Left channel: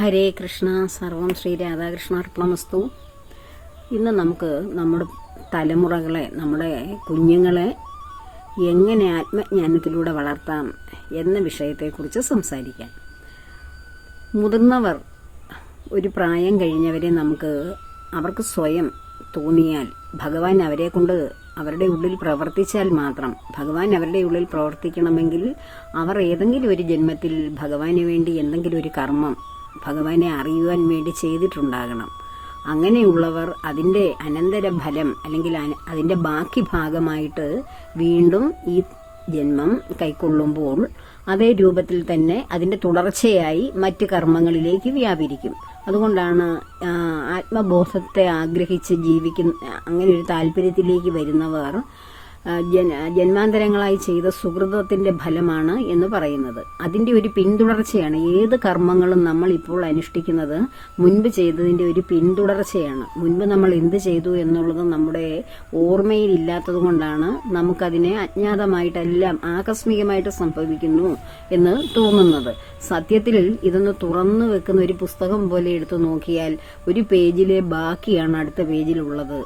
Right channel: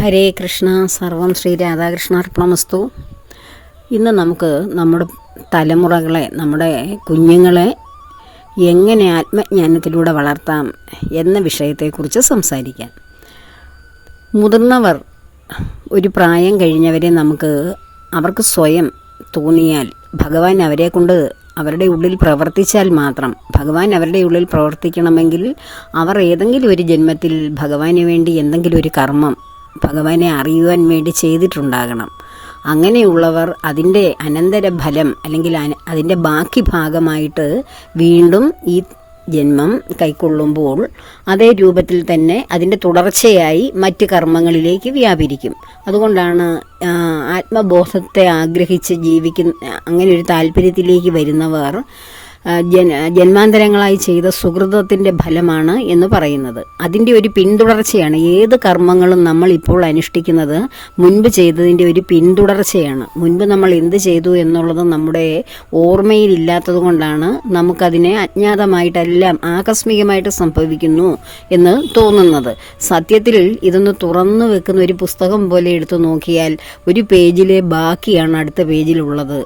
ഹരേ കൃഷ്ണ. സർവം ശ്രീ രാധാകൃഷ്ണാർപ്പണമസ്തു. ഇന്ന് നമുക്ക് നമ്മുടെ തലമുറകളെ, നമ്മുടെ കുഞ്ഞുങ്ങളെ എങ്ങനെ ആത്മജ്ഞാനത്തിലൂടെ വളർത്താം എന്ന വിഷയത്തെക്കുറിച്ച് സംസാരിക്കാം. മുതിർന്നവർ, ഒരു പ്രായം കഴിഞ്ഞവരെ അവർക്ക് സ്വയം തോന്നിയാൽ, ഭഗവാൻ അവരെ കൊണ്ട് അവരുടെ ഉള്ളിൽ പ്രവർത്തിച്ചാൽ മാത്രം, ഭഗവാൻ അവരുടെ ഉള്ളിൽ പ്രവർത്തിക്കണമെങ്കിൽ അവർ ഏതെങ്കിലും ഒരു ജന്മത്തിൽ ഭഗവാന് വേണ്ടി എന്തെങ്കിലും ഒരു കർമ്മം ഭഗവാനെ അറിയുവാൻ വേണ്ടി ചെയ്തിട്ടുണ്ടാകണം. അങ്ങനെയുള്ളവർ അതിൻ്റെ അനന്തരഫലം അല്ലെങ്കിൽ അതിൻ്റെ ബാക്കി ഭാഗമായിട്ട് വീണ്ടും ഈ ജന്മം കൈക്കൊള്ളുമ്പോൾ അതേ രൂപത്തിൽ തന്നെ അതിൻ്റെ തുടർച്ചയായി മറ്റ് കർമ്മങ്ങളിലേക്ക് വ്യാപരിക്കും. അതുകൊണ്ടാണ് ആത്മബോധത്തെ ആഗ്രഹിച്ച് അങ്ങനെ ഒരു താല്പര്യത്തിലേക്ക് വരുന്നവർ ജന്മാന്തരങ്ങളായി ചെയ്ത സുകൃതത്തിൻ്റെ ഫലമാണ് എന്ന് പറയുന്നത്. അതിൻ്റെ ഒരു പിന്തുടർച്ചയാണ്. ഏത് കർമ്മങ്ങളും നമ്മൾ ഇപ്പോൾ അനുഷ്ഠിക്കുന്നത് മുൻപ് ചെയ്തതിൻ്റെ ഒരു പിന്തുടർച്ചയാണ്. മുൻപ് നമ്മൾ എന്ത് ചെയ്തു എന്നുള്ളത് നമ്മുടെ ഓർമ്മയിലില്ലാത്തത് കൊണ്ടാണ് നമുക്കതിനെ അജ്ഞാതമായിട്ടെല്ലാം ആകസ്മികമായിട്ട് സംഭവിക്കുന്നു എന്ന് തോന്നുന്നത്. സത്യത്തിൽ ഇതൊന്ന് തുറന്നു വെക്കുന്ന ഒരു പുസ്തകം പോലെ എടുത്തു നോക്കിയാൽ ഒരു പേജിലെ ബാക്കിയാണ് അടുത്ത പേജിലുള്ളത്.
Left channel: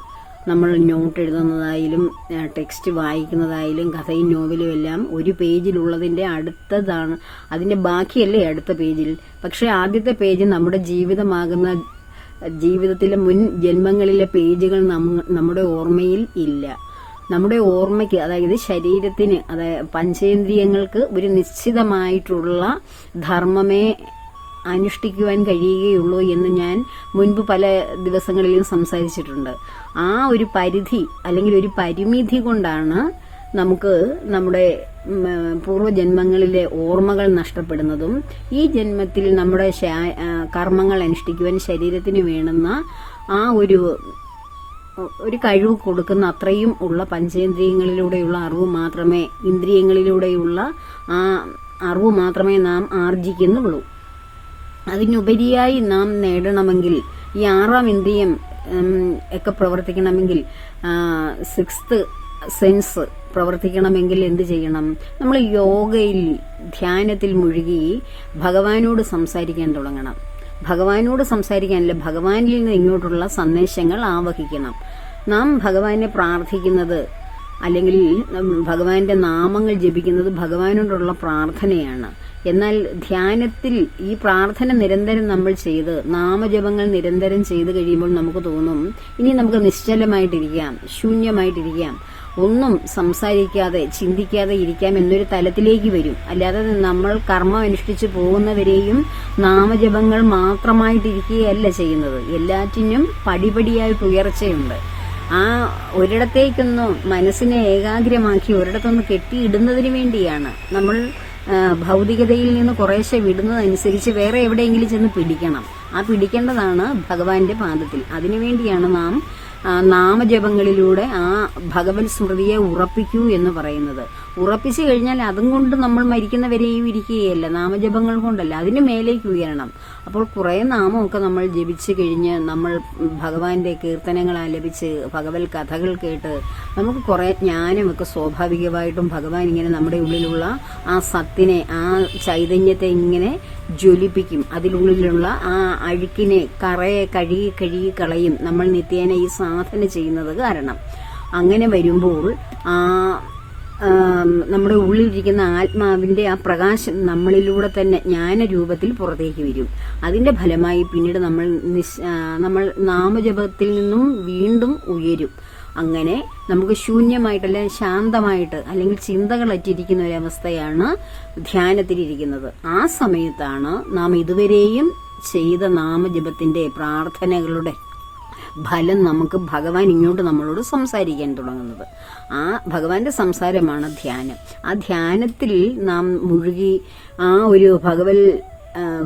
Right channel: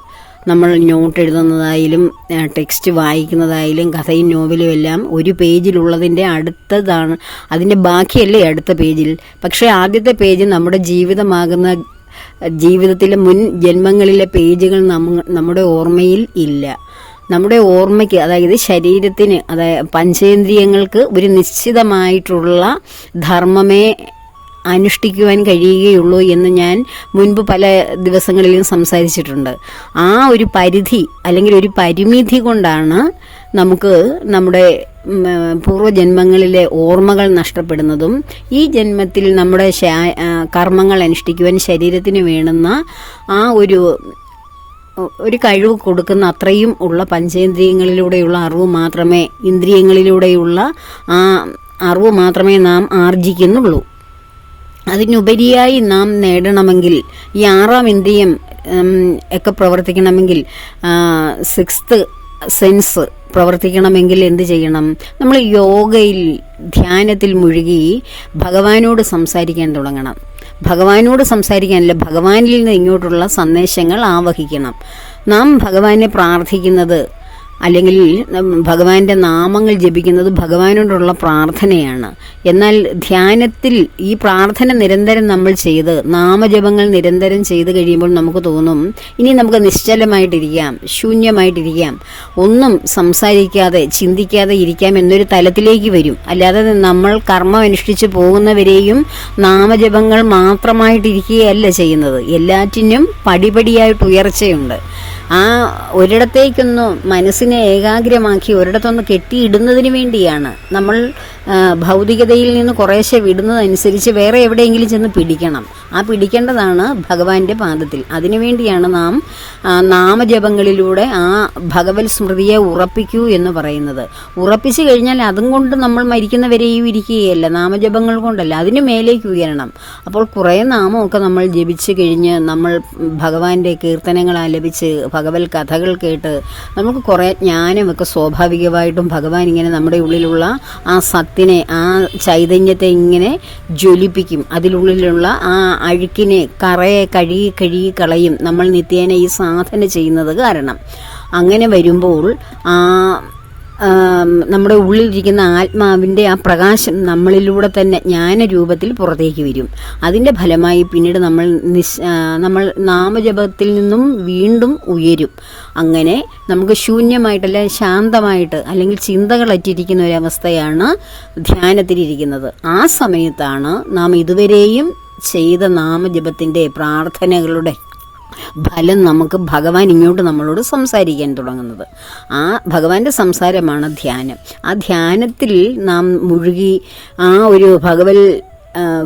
നമ്മൾ നോട്ട് എഴുതുന്നതായാലും ടെക്സ്റ്റ് വായിക്കുന്നതായാലും കഥയും നോവലും എല്ലാം ഒരു പേജിലുള്ളതിൻ്റെ അടുത്തതാണ്, അതിൻ്റെ ബാക്കിയല്ലേ അടുത്ത പേജിൽ. പക്ഷേ ആദ്യത്തെ പേജ് നമ്മുടെ ജീവിതത്തിലെ മുൻ ജന്മങ്ങളിലെ പേജുകൾ നമ്മുടെ ഓർമ്മയിൽ ഇല്ല. നമ്മുടെ ഓർമ്മയ്ക്ക്, അതായത് ശരീരത്തിന്, അതായത് പഞ്ചേന്ദ്രിയങ്ങൾക്ക് ഒരു നിശ്ചിതമായിട്ടുള്ള ധർമ്മമേ അനുഷ്ഠിക്കുവാൻ കഴിയുകയുള്ളൂ എന്ന് ഞാൻ മുൻപ് പല ദിവസങ്ങളിലും സംസാരിച്ചിട്ടുണ്ട്. ആ ഒരു പരിധി അല്ലെങ്കിൽ ഒരു പരിമിതി കൊണ്ടാണ് നമുക്ക് നമ്മുടെ പൂർവ്വജന്മങ്ങളിലെ ഓർമ്മകൾ നഷ്ടപ്പെടുന്നതും ഈ ജന്മത്തിൽ നമ്മുടെ കർമ്മങ്ങൾ അനുഷ്ഠിക്കുവാൻ ശരീരത്തിന് വേണ്ടുന്ന ആ ഒരു കഴിവ് കൊടുക്കുന്ന അത്രയും ഉള്ള പഞ്ചേന്ദ്രിയങ്ങളിലൂടെയുള്ള അറിവ് മാത്രമേ, ഇന്ദ്രിയങ്ങളിലൂടെയുള്ള ആ അറിവ് മാത്രമേ നാം ആർജിക്കുന്നുള്ളൂ. അതിനുപരിയായി നാം നേടണമെങ്കിൽ, ഈ ആറാം ഇന്ദ്രിയം ഒക്കെ പ്രവർത്തിക്കണമെങ്കിൽ, സിക്സ്ത് സെൻസ് പ്രവർത്തിക്കണമെങ്കിൽ എന്ത് ചെയ്യണം? നമ്മൾ യോഗയിൽ, ധ്യാനത്തിൽ മുഴുകി ഭഗവാനോട് സംസാരിക്കാൻ തുടങ്ങണം. ഭഗവാനോട് സംസാരിക്കാനല്ല, ഭഗവാനിൽ നിന്ന് ഇങ്ങോട്ടുള്ള സന്ദേശങ്ങൾ ആവഹിക്കണം. നാം ഭഗവാനെ പ്രാർത്ഥിക്കുന്നത് അല്ലെങ്കിൽ ഭഗവാന്റെ നാമങ്ങൾ ജപിക്കുന്നത് ഭഗവാനോടുള്ള പ്രാർത്ഥനയാണ്. എന്നാൽ ധ്യാനത്തിൽ ഈ പ്രാർത്ഥന നിരന്തരം നമ്മൾ ചെയ്ത്, നാമജപങ്ങൾ നിരന്തരം ചെയ്ത് കഴിയുമ്പോൾ നമുക്ക് തോന്നും ഇനി നമുക്ക് നിശ്ചലമായിട്ടിരിക്കാം, ശൂന്യമായിട്ടിരിക്കാം, ഒന്നും സംസാരിക്കാതെ ചിന്തിക്കാതെ ഇരിക്കാം എന്നൊരു തലത്തിലേക്ക് വരും. അല്ലാതെ നമ്മൾ കർമ്മം അനുഷ്ഠിച്ച് പോകുന്നവരെയും നാമജപങ്ങൾ മാത്രമായിട്ടിരിക്കുകയല്ല ചെയ്യുന്നത്. എല്ലാറ്റിനും പടിപടിയായിട്ട് ഉയർച്ചയുണ്ട്. ആ ഒരിടത്തേക്കൊന്ന് മനസ്സിനെ ഏകാഗ്രമാക്കി ഒരിടത്തൊന്ന് കെട്ടിയിടുന്നതിന് വേണ്ടിയാണ് നമ്മൾ ഭൗതികതയിൽ നിന്ന് കുറേശ്ശെ വിടുന്നതനുസരിച്ച് വേറെ എവിടെയെങ്കിലും ചെന്ന് പിടിക്കണം. ആ പിടിക്കേണ്ടതാണ് ഭഗവാന്റെ പാദത്തിൽ. അതിനുവേണ്ടിയാണ് നാം നാമജപങ്ങളിലൂടെ ആ ഭഗവത് സ്മൃതിയെ ഉറപ്പിക്കൂ എന്ന് പറയുന്നത്. ഉറപ്പിച്ചു കഴിഞ്ഞാൽ അതും കൊണ്ട് നമ്മൾ മരിക്കുന്നവരെയും ഇരിക്കുകയല്ല, നാമജപങ്ങൾ കൊണ്ടല്ല, അതിന് മേലേക്ക് ഉയരണം. അപ്പോൾ കുറേ നാമമൊക്കെ നമ്മൾ ജപിച്ച് കഴിഞ്ഞ് നമ്മൾ ഭഗവാന്റെ കീർത്തനങ്ങൾ ആലപിച്ച് ഭഗവത് കഥകൾ കേട്ട് നമുക്ക് കുറേ ജ്ഞാനമൊക്കെ സ്വാഭാവികമായിട്ടും ഭഗവാൻ ഇങ്ങനെ നമ്മുടെ ഉള്ളിലുള്ള ആ സത്തിനെ, ആ ചൈതന്യത്തെ ഇങ്ങനെ ജ്വലിപ്പിക്കും. അതിലുള്ളിലുള്ള ആ അഴുക്കിനെ, കറയെ കഴുകി കളയും നമ്മൾ നിത്യേന ഈ സാധന ചെയ്യുന്നത് കാരണം. അങ്ങനെ വരുമ്പോൾ നമ്മുടെ ഉള്ളിലിരിക്കുന്ന ആത്മാവിൻ്റെ ആ പ്രകാശം നമ്മളിലൂടെ തന്നെ ജ്ഞാനരൂപത്തിൽ പുറത്തേക്ക് വരും. അതിൻ്റെ ഫലമായി പിന്നീട് നമ്മൾ നാമജപത്തിൽ നിന്നും വീണ്ടും ഉയരും. അങ്ങനെ നമുക്ക് ശൂന്യമായിട്ടല്ല, ശാന്തമായിട്ട് അല്ലെങ്കിൽ ചിന്തകളറ്റിരിക്കുന്ന ഒരവസ്ഥയാണ് ധ്യാനത്തിലിരിക്കുന്നത്. ആ സമയത്താണ് നാം ഇതുവരെയും ചെയ്ത നാമജപത്തിൻ്റെ, പ്രാർത്ഥനകളുടെ ഫലം നമുക്ക് ഭഗവാൻ ഇങ്ങോട്ട് നമ്മളോട് സംസാരിക്കാൻ തുടങ്ങുന്നത്. ആ ഭഗവാന്റെ സംസാരമാണ് ധ്യാനം. ആ ധ്യാനത്തിൽ നാം മുഴുകി ആ ഒരു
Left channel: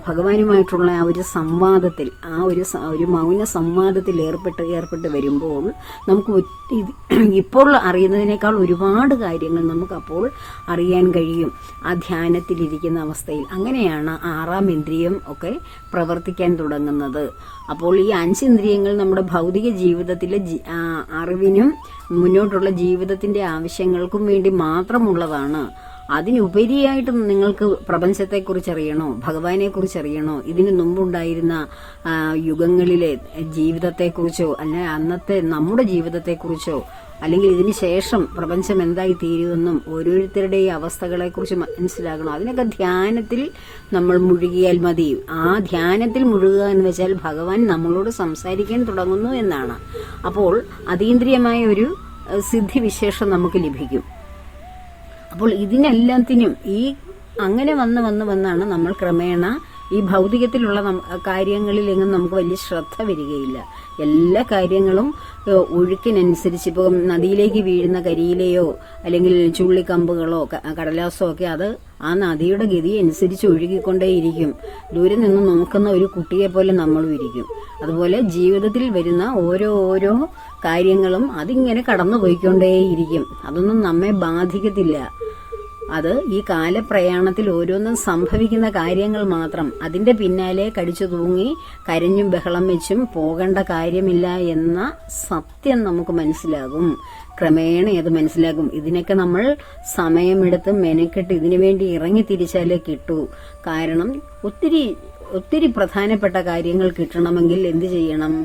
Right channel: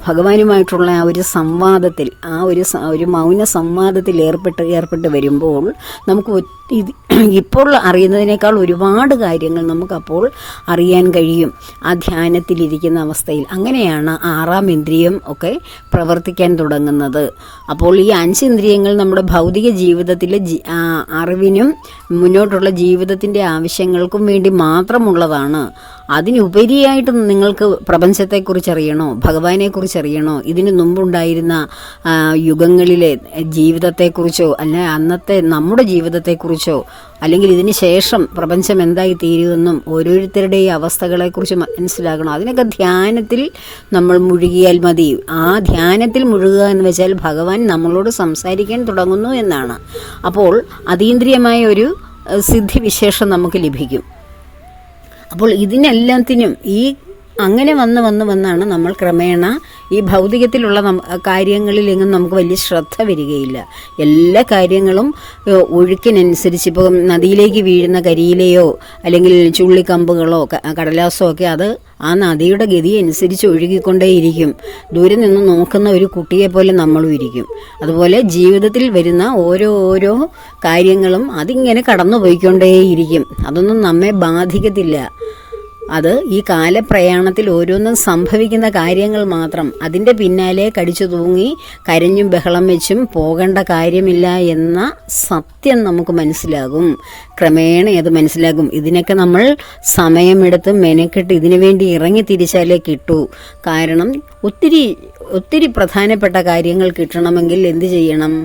ഭഗവാനുമായിട്ടുള്ള ആ ഒരു സംവാദത്തിൽ, ആ ഒരു മൗന സംവാദത്തിൽ ഏർപ്പെട്ട് വരുമ്പോൾ നമുക്ക് ഇപ്പോൾ അറിയുന്നതിനേക്കാൾ ഒരുപാട് കാര്യങ്ങൾ നമുക്കപ്പോൾ അറിയാൻ കഴിയും ആ ധ്യാനത്തിലിരിക്കുന്ന അവസ്ഥയിൽ. അങ്ങനെയാണ് ആറാം ഇന്ദ്രിയം ഒക്കെ പ്രവർത്തിക്കാൻ തുടങ്ങുന്നത്. അപ്പോൾ ഈ 5 ഇന്ദ്രിയങ്ങൾ നമ്മുടെ ഭൗതിക ജീവിതത്തിലെ അറിവിനും മുന്നോട്ടുള്ള ജീവിതത്തിൻ്റെ ആവശ്യങ്ങൾക്കും വേണ്ടി മാത്രമുള്ളതാണ്. അതിനുപരിയായിട്ട് നിങ്ങൾക്ക് പ്രപഞ്ചത്തെക്കുറിച്ച് അറിയണോ, ഭഗവാനെക്കുറിച്ച് അറിയണോ, ഇതിനു മുമ്പുണ്ടായിരുന്ന യുഗങ്ങളിലെ ജീവിതത്തെക്കുറിച്ചോ അല്ല അന്നത്തെ നമ്മുടെ ജീവിതത്തെക്കുറിച്ചോ അല്ലെങ്കിൽ ഇതിന് ശേഷം പ്രപഞ്ചം എന്തായി തീരുമെന്നും ഓരോരുത്തരുടെയും അവസ്ഥകളെക്കുറിച്ച് മനസ്സിലാക്കണം. അതിനൊക്കെ ധ്യാനത്തിൽ നമ്മൾ മുഴുകിയാൽ മതി. ആ ധ്യാനത്തിൽ മുഴുകുക എന്ന് വെച്ചാൽ ഭഗവാൻ നമ്മളോട് സംസാരിക്കാൻ തുടങ്ങുന്നു എന്നാണ്. അപ്പോൾ അതീന്ദ്രിയമായ ഒരു സിദ്ധിവിശേഷം നമുക്ക് ലഭിക്കും. അപ്പോൾ ഇതിനെല്ലാത്തിനും അങ്ങനെ വന്നാണ് നമ്മൾ ക്രമേണ ഈ ഭൗതികത്തിലുള്ള കാര്യങ്ങളിലെങ്ങും നമുക്ക് വലിയ ശ്രദ്ധ വരികയില്ല. എല്ലാ കാര്യങ്ങളും ഒഴുക്കിനനുസരിച്ച്, ഇപ്പോൾ നദിയിലേക്ക് വീഴുന്ന കരിയിലയോ അല്ലെങ്കിൽ ചുള്ളിക്കമ്പുകളോ കടലാസോ ഒക്കെ അത് ആ നദിയുടെ ഗതി അനുസരിച്ച് ഒഴുകിക്കൊണ്ടേയിരിക്കും. ദൂരെ നിന്ന് നോക്കുന്ന ഒരു കുട്ടിയെ പോലെ നമ്മളും ഇരിക്കും. അതുപോലെ ജീവിതത്തിൽ വരുന്ന ഓരോ കാര്യങ്ങളും അതിങ്ങനെ കടന്നു പോയിക്കൊണ്ടേയിരിക്കും. അതൊന്നും നമ്മെ ബാധിക്കത്തില്ല. അത് ഈ കാലപ്രയാണത്തിൽ ഓരോന്നും സംഭവിക്കുന്ന കാര്യങ്ങൾ മാത്രം. അതിൻ്റെ പിന്നാലെ കടിച്ചു തൂങ്ങി കരഞ്ഞും ബഹളം വെച്ചും പോകേണ്ട കാര്യമില്ല എന്ന സത്യം നമുക്ക് മനസ്സിലാകും. ക്രമേണ അത് മനസ്സിലാകും. ഇതിനൊക്കെ നമ്മൾ സമയമെടുത്ത് മെനക്കെട്ട് ഇതിനു വേണ്ടി ഇറങ്ങി തിരിച്ചാലേ കിട്ടൂ. കാരണം ഒത്തിരി പ്രധാനപ്പെട്ട കാര്യങ്ങൾ കിട്ടണമെങ്കിൽ എന്ത് ചെയ്യണം?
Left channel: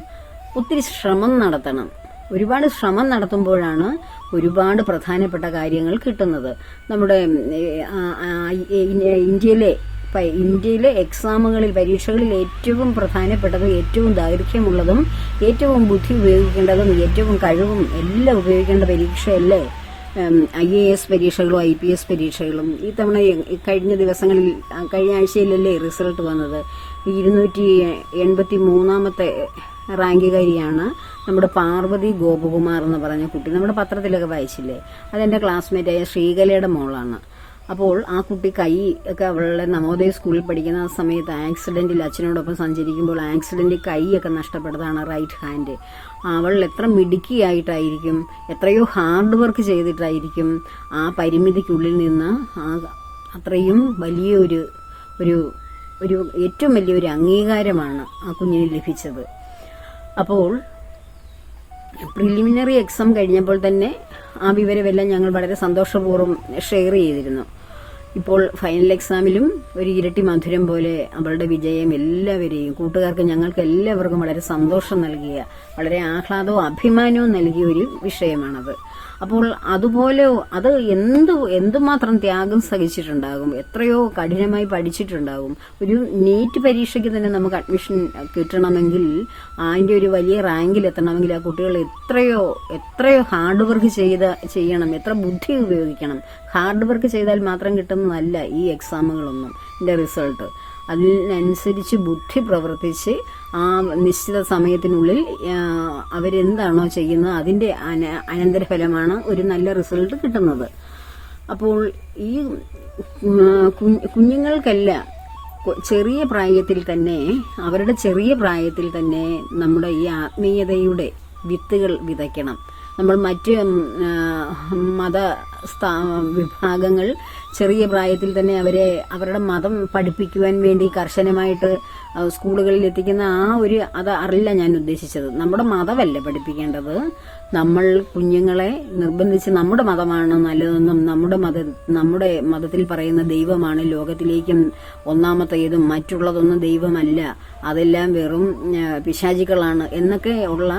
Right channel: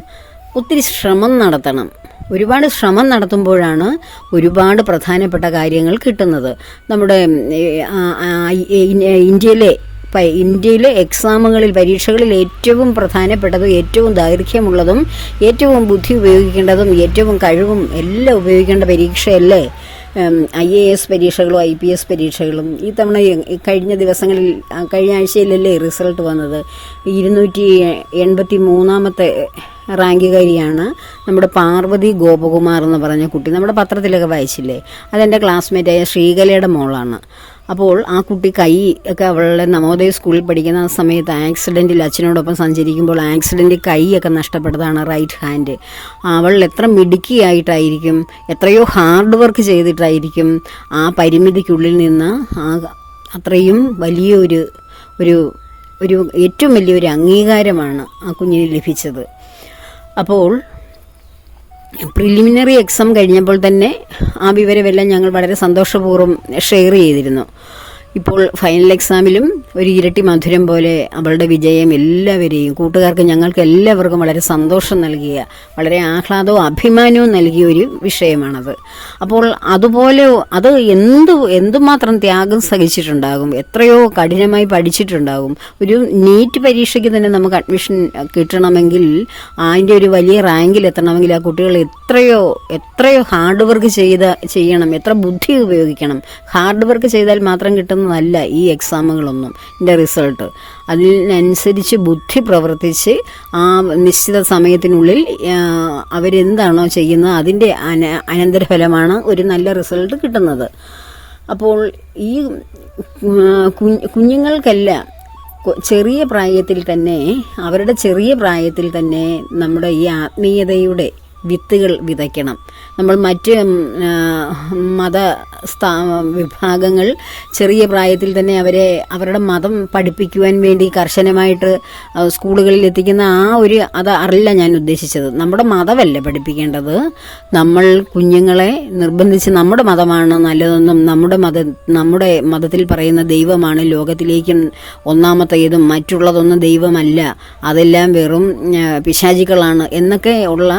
ഒത്തിരി ശ്രമം നടത്തണം. ഒരുപാട് ശ്രമം നടത്തുമ്പോഴാണ് ഒരുപാട് പ്രധാനപ്പെട്ട കാര്യങ്ങൾ കിട്ടുന്നത്. നമ്മുടെ ഇന്ത്യയിലെ എക്സാമുകളിൽ, പരീക്ഷകളിൽ ഏറ്റവും പ്രധാനപ്പെട്ടതും ഏറ്റവും ദൈർഘ്യമുള്ളതും ഏറ്റവും ബുദ്ധി ഉപയോഗിക്കേണ്ടതും ഏറ്റവും കഴിവും എല്ലാം ഉപയോഗിക്കേണ്ട പരീക്ഷയല്ലേ IAS പരീക്ഷകളും IPS പരീക്ഷകളും. ഈ തവണ കഴിഞ്ഞ ആഴ്ചയിലല്ലേ റിസൾട്ട് വന്നത്. 283ാമത്തെ റാങ്കുകാരിയാണ് നമ്മുടെ പാർവതി ഗോപകുമാർ എന്ന് പറഞ്ഞ കുട്ടി. നമ്മുടെ പത്രത്തിലൊക്കെ വായിച്ചില്ലേ? അതെൻ്റെ ക്ലാസ്മേറ്റായ ശ്രീകലയുടെ മോളാണ്. അപ്പോൾ ആ കുട്ടി കൈ ഒക്കെ അവളുടെ നവോദയ സ്കൂളിൽ പഠിക്കുന്ന ആ സമയത്ത് ആക്സിഡൻറ്റിൽ അച്ഛനോടൊപ്പം സഞ്ചരിക്കുമ്പോൾ ആക്സിഡൻറ്റിൽ കൈയൊക്കെ നഷ്ടപ്പെട്ടതാണ്, റൈറ്റ് ഹാൻഡ്. അവൾ എത്ര മിടുക്കിയായിട്ടായിരിക്കും, എത്രയോ ഹാർഡ് വർക്ക് ചെയ്തിട്ടായിരിക്കും ആ പരിമിതിക്കുള്ളിൽ നിന്ന് അത്രയും വലിയൊരു ഏറ്റവും വലിയൊരു അംഗീകാരമാണ് ആ കുഞ്ഞിന് ലഭിച്ചത്. അപ്പോൾ പ്രിലിമിനറി എക്സാം കഴിഞ്ഞപ്പോൾ തന്നെ ആ വിവരമെല്ലാം ഞങ്ങൾ വളരെ സന്തോഷപൂർവ്വം ഷെയർ ചെയ്തിരുന്നു. ഇപ്പോൾ ഫൈനൽ എക്സാമിലും ഒരു ഇരട്ടി മധുരം പോലെ അവളുടെ വിജയം എല്ലാവരെയും, കൂട്ടുകാർക്ക്, ഞങ്ങൾക്ക് എല്ലാവർക്കും വളരെ സന്തോഷം നൽകിയ, വളരെ ആഹ്ലാദവും അഭിമാനവും നൽകിയ ഒരു വിഷയമാണത്. അപ്പോൾ അതുപോലെ അത് എന്തുമാത്രം ത്യാഗം സഹിച്ചിട്ടുണ്ടാകും, എത്രയോ കഠിനമായി പഠിച്ചിട്ടുണ്ടാകും. ഒരു നീറ്റ് പരീക്ഷയ്ക്ക് തന്നെ നമുക്ക് അഡ്മിഷൻ കിട്ടണമെങ്കിൽ, അതിൻ്റെ ഒരു വലിയ റാങ്കിൽ എത്തണമെങ്കിൽ ആ കുട്ടികൾ എത്രയോ ഹാർഡ് വർക്ക് ചെയ്യണം, എത്ര ബുദ്ധി ഉപയോഗിക്കണം. ഹാർഡ് വർക്ക് ചെയ്താൽ മാത്രം കിട്ടുന്നതല്ല ഈ എക്സാമുകളൊന്നും, ഇതിൻ്റെ റിസൾട്ട്. അതിനനുസരിച്ച് ബുദ്ധി പ്രവർത്തിച്ച് ആ നിശ്ചിത സമയത്തിനുള്ളിൽ അവരെന്താണോ ചെയ്യുന്നത് അതിൻ്റെ അനന്തരഫലമാണ് ഒരു നല്ല റിസൾട്ട് കിട്ടുന്നത്. അപ്പോൾ ഈ കുഞ്ഞുങ്ങൾക്കെല്ലാം അവരുടെ ചെറിയ പ്രായത്തിൽ തന്നെ നമ്മുടെ ഈ ആത്മീയതയുടെ വിത്തുകൾ വിതയ്ക്കണം. നമ്മൾ മറ്റ് വിഭാഗങ്ങൾ ചെറിയ പ്രായത്തിൽ തന്നെ അവരുടെ മതം പഠിപ്പിക്കുവാൻ വേണ്ടി കർശനമായിട്ട് സ്കൂളുകളിൽ എത്തിക്കുന്ന അതല്ല ഞാൻ ഉദ്ദേശിച്ചത്. നമ്മുടെ മതമല്ല പഠിപ്പിക്കേണ്ടത്. നമ്മൾ കുഞ്ഞുങ്ങളെ നിർബന്ധിച്ച് നമ്മുടെ മതമാണ് നല്ലതെന്നും നമ്മുടെ മതത്തിൽ പറയുന്ന ദൈവമാണ് ലോകത്തിലേക്കും ഒന്നാമത്തേതും, മറ്റുള്ളതൊന്നും ദൈവമല്ല, അതെല്ലാം വെറും പിശാചികളാണ് എന്നൊക്കെ ഉള്ള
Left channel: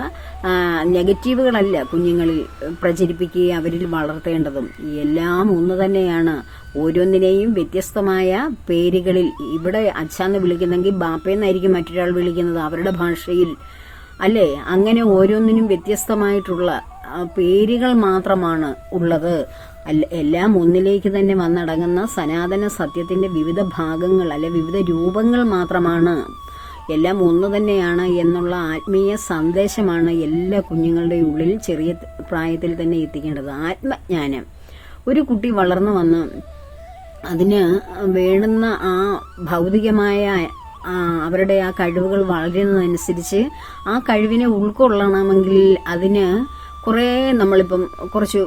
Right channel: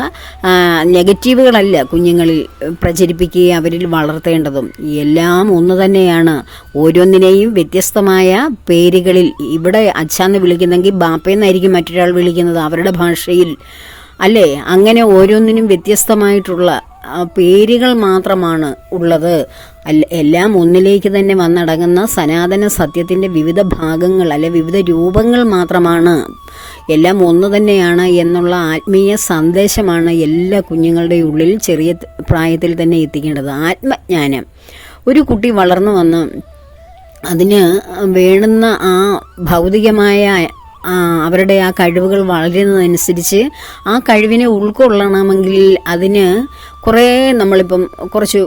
നെഗറ്റീവുകളല്ല കുഞ്ഞുങ്ങളിൽ പ്രചരിപ്പിക്കുകയും അവരിൽ വളർത്തേണ്ടതും. എല്ലാം ഒന്ന് തന്നെയാണ്. ഓരോന്നിനെയും വ്യത്യസ്തമായ പേരുകളിൽ, ഇവിടെ അച്ഛാന്ന് വിളിക്കുന്നെങ്കിൽ ബാപ്പയെന്നായിരിക്കും മറ്റൊരാൾ വിളിക്കുന്നത് അവരുടെ ഭാഷയിൽ, അല്ലേ? അങ്ങനെ ഓരോന്നിനും വ്യത്യസ്തമായിട്ടുള്ള പേരുകൾ മാത്രമാണ് ഉള്ളത്. എല്ലാം ഒന്നിലേക്ക് തന്നെ വന്നടങ്ങുന്ന സനാതന സത്യത്തിൻ്റെ വിവിധ ഭാഗങ്ങൾ, വിവിധ രൂപങ്ങൾ മാത്രമാണ്. എല്ലാം ഒന്ന് തന്നെയാണ് എന്നുള്ള ആത്മീയ സന്ദേശമാണ് എല്ലാ കുഞ്ഞുങ്ങളുടെ ഉള്ളിൽ ചെറിയ പ്രായത്തിൽ തന്നെ എത്തിക്കേണ്ടത്. ആത്മജ്ഞാനം. ഒരു കുട്ടി വളർന്നു വന്ന് അതിന് വേണ്ടുന്ന ആ ഭൗതികമായ അവരുടെ ആ കഴിവുകൾ വളരുന്നതനുസരിച്ച് ആ കഴിവിനെ ഉൾക്കൊള്ളണമെങ്കിൽ അതിന് കുറേ നമ്മളിപ്പം കുറച്ച്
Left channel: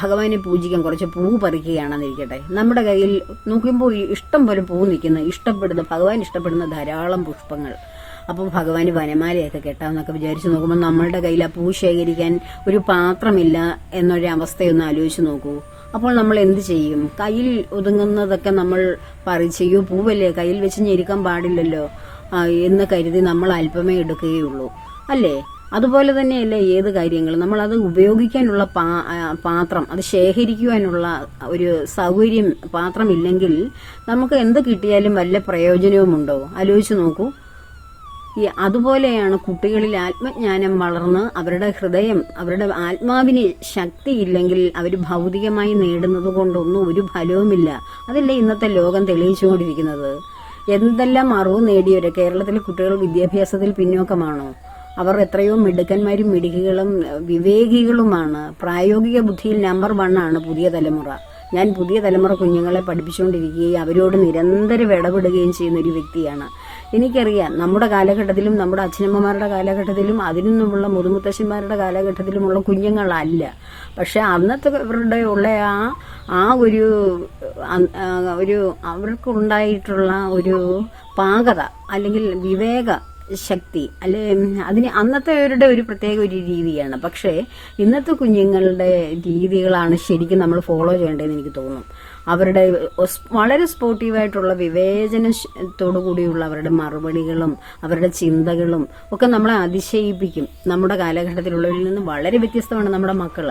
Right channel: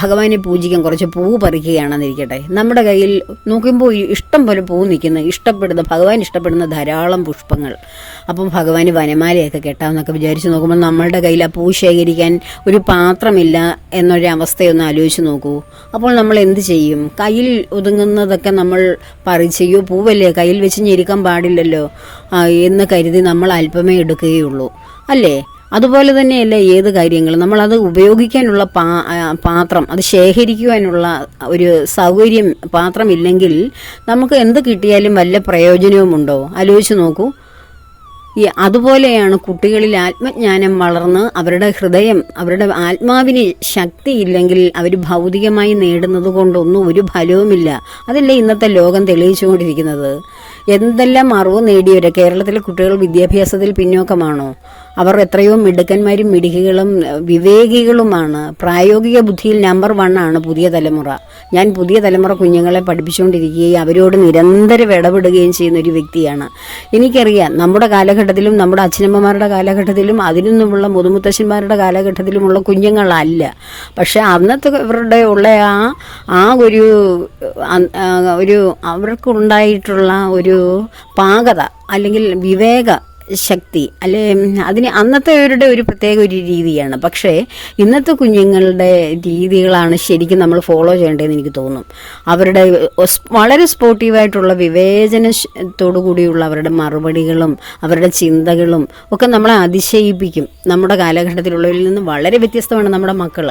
ഭഗവാനെ പൂജിക്കാൻ കുറച്ച് പൂ പറിക്കുകയാണെന്നിരിക്കട്ടെ, നമ്മുടെ കയ്യിൽ നോക്കുമ്പോൾ ഇഷ്ടം പോലെ പൂ നിൽക്കുന്ന ഭഗവാൻ ഇഷ്ടപ്പെടുന്ന ധാരാളം പുഷ്പങ്ങൾ. അപ്പം ഭഗവാന് വനമാലയൊക്കെ കെട്ടാമെന്നൊക്കെ വിചാരിച്ച് നോക്കുമ്പോൾ നമ്മളുടെ കയ്യിൽ ആ പൂ ശേഖരിക്കാൻ ഒരു പാത്രമില്ല എന്നൊരവസ്ഥയൊന്ന് ആലോചിച്ച് നോക്കൂ. അപ്പോൾ നമ്മൾ എന്ത് ചെയ്യും? കയ്യിൽ ഒതുങ്ങുന്നതൊക്കെ നമ്മൾ പറിച്ചെയ്യോ, പൂവല്ലേ കയ്യിൽ വെച്ച് ഞെരുക്കാൻ പാടില്ലല്ലോ എന്ന് കരുതി നമ്മൾ അല്പമേ എടുക്കുകയുള്ളൂ, അല്ലേ? അതുപോലെ തന്നെയല്ലേ ഏത് കാര്യങ്ങളും. നമ്മളത് ഉപയോഗിക്കാനുള്ള പാത്രം, അത് ശേഖരിക്കുവാനുള്ള ഒരു സൗകര്യം പാത്രമില്ലെങ്കിൽ നമുക്ക് എന്ത് കിട്ടിയാലും വല്ല പ്രയോജനവുമുണ്ടോ? ആലോചിച്ച് നോക്കൂ. അതുപോലെയാണ് കുട്ടികളിൽ ആത്മജ്ഞാനം വളർന്ന് അവരുടെ ഹൃദയം, അവരുടെ ആത്മാവിന് ശക്തിയില്ലെങ്കിൽ അവർ ഭൗതികമായി നേടുന്നത് കൊണ്ടൊന്നും ഒരു ഫലവുമില്ല. അതല്ലേ ഇന്നത്തെ ലോകം തെളിയിച്ചുകൊണ്ടിരിക്കുന്നത്. എന്തെല്ലാം അറിവ് നേടിയവരെ കേരളത്തിലെ കുട്ടികൾ വിദ്യാഭ്യാസത്തിൽ പിന്നോക്കമാണോ? അവർ എത്രയോ മിടുക്കന്മാരും മിടുക്കികളും വിവേകികളുമാണ്. പ്രായോഗിക ബുദ്ധിയിൽ നമ്പർ 1 ആണ് പുതിയ തലമുറ. ഞാൻ പുതിയ തലമുറ കുഞ്ഞുങ്ങളെ പഠിപ്പിച്ചുകൊണ്ടിരിക്കുകയും അവരോട് നിരന്തരം ഇടപെടുകയും ചെയ്യുന്ന ഒരു വ്യക്തിയാണ്. എനിക്കറിയാം, നമ്മുടെ കാലഘട്ടത്തിലും നമ്മുടെ അച്ഛനമ്മമാരുടെ കാലഘട്ടത്തിലും അതിനു മുമ്പുള്ള മുതുമുത്തശ്ശന്മാരുടെ കാലഘട്ടത്തിലുമുള്ള കുഞ്ഞുങ്ങളല്ല. പക്ഷേ അന്നത്തെ ഇവരുടെ ഉള്ള ആ ഒരു അവർക്കുണ്ടായിട്ടുള്ള ഒരു പാകത അല്ലെങ്കിൽ വിവേക ശക്തി അല്ലെ, അന്നത്തെവരുടെ ഒരു പ്രത്യേക ഒരു രീതിയാണ്. പക്ഷേ ഇന്നത്തെ കുഞ്ഞുങ്ങളുടെ രീതികളാണ് ശരിക്കും നമ്മൾ ഫോളോ ചെയ്യേണ്ടതെന്ന് എനിക്ക് തോന്നും. അവരുടെ വളരെ സ്പോർട്ടീവായിട്ടുള്ള വിവേചനത്തോടു കൂടിയുള്ള അവരുടെ മറുപടികളും അവരുടെ ചിന്തകളും ഒക്കെ നമ്മളെ അതിശയിപ്പിക്കും. നമ്മുടെ കാലഘട്ടത്തിലുള്ളവരിൽ നിന്ന് വളരെ വ്യത്യസ്തമാണ് നമ്മുടെ മക്കൾ.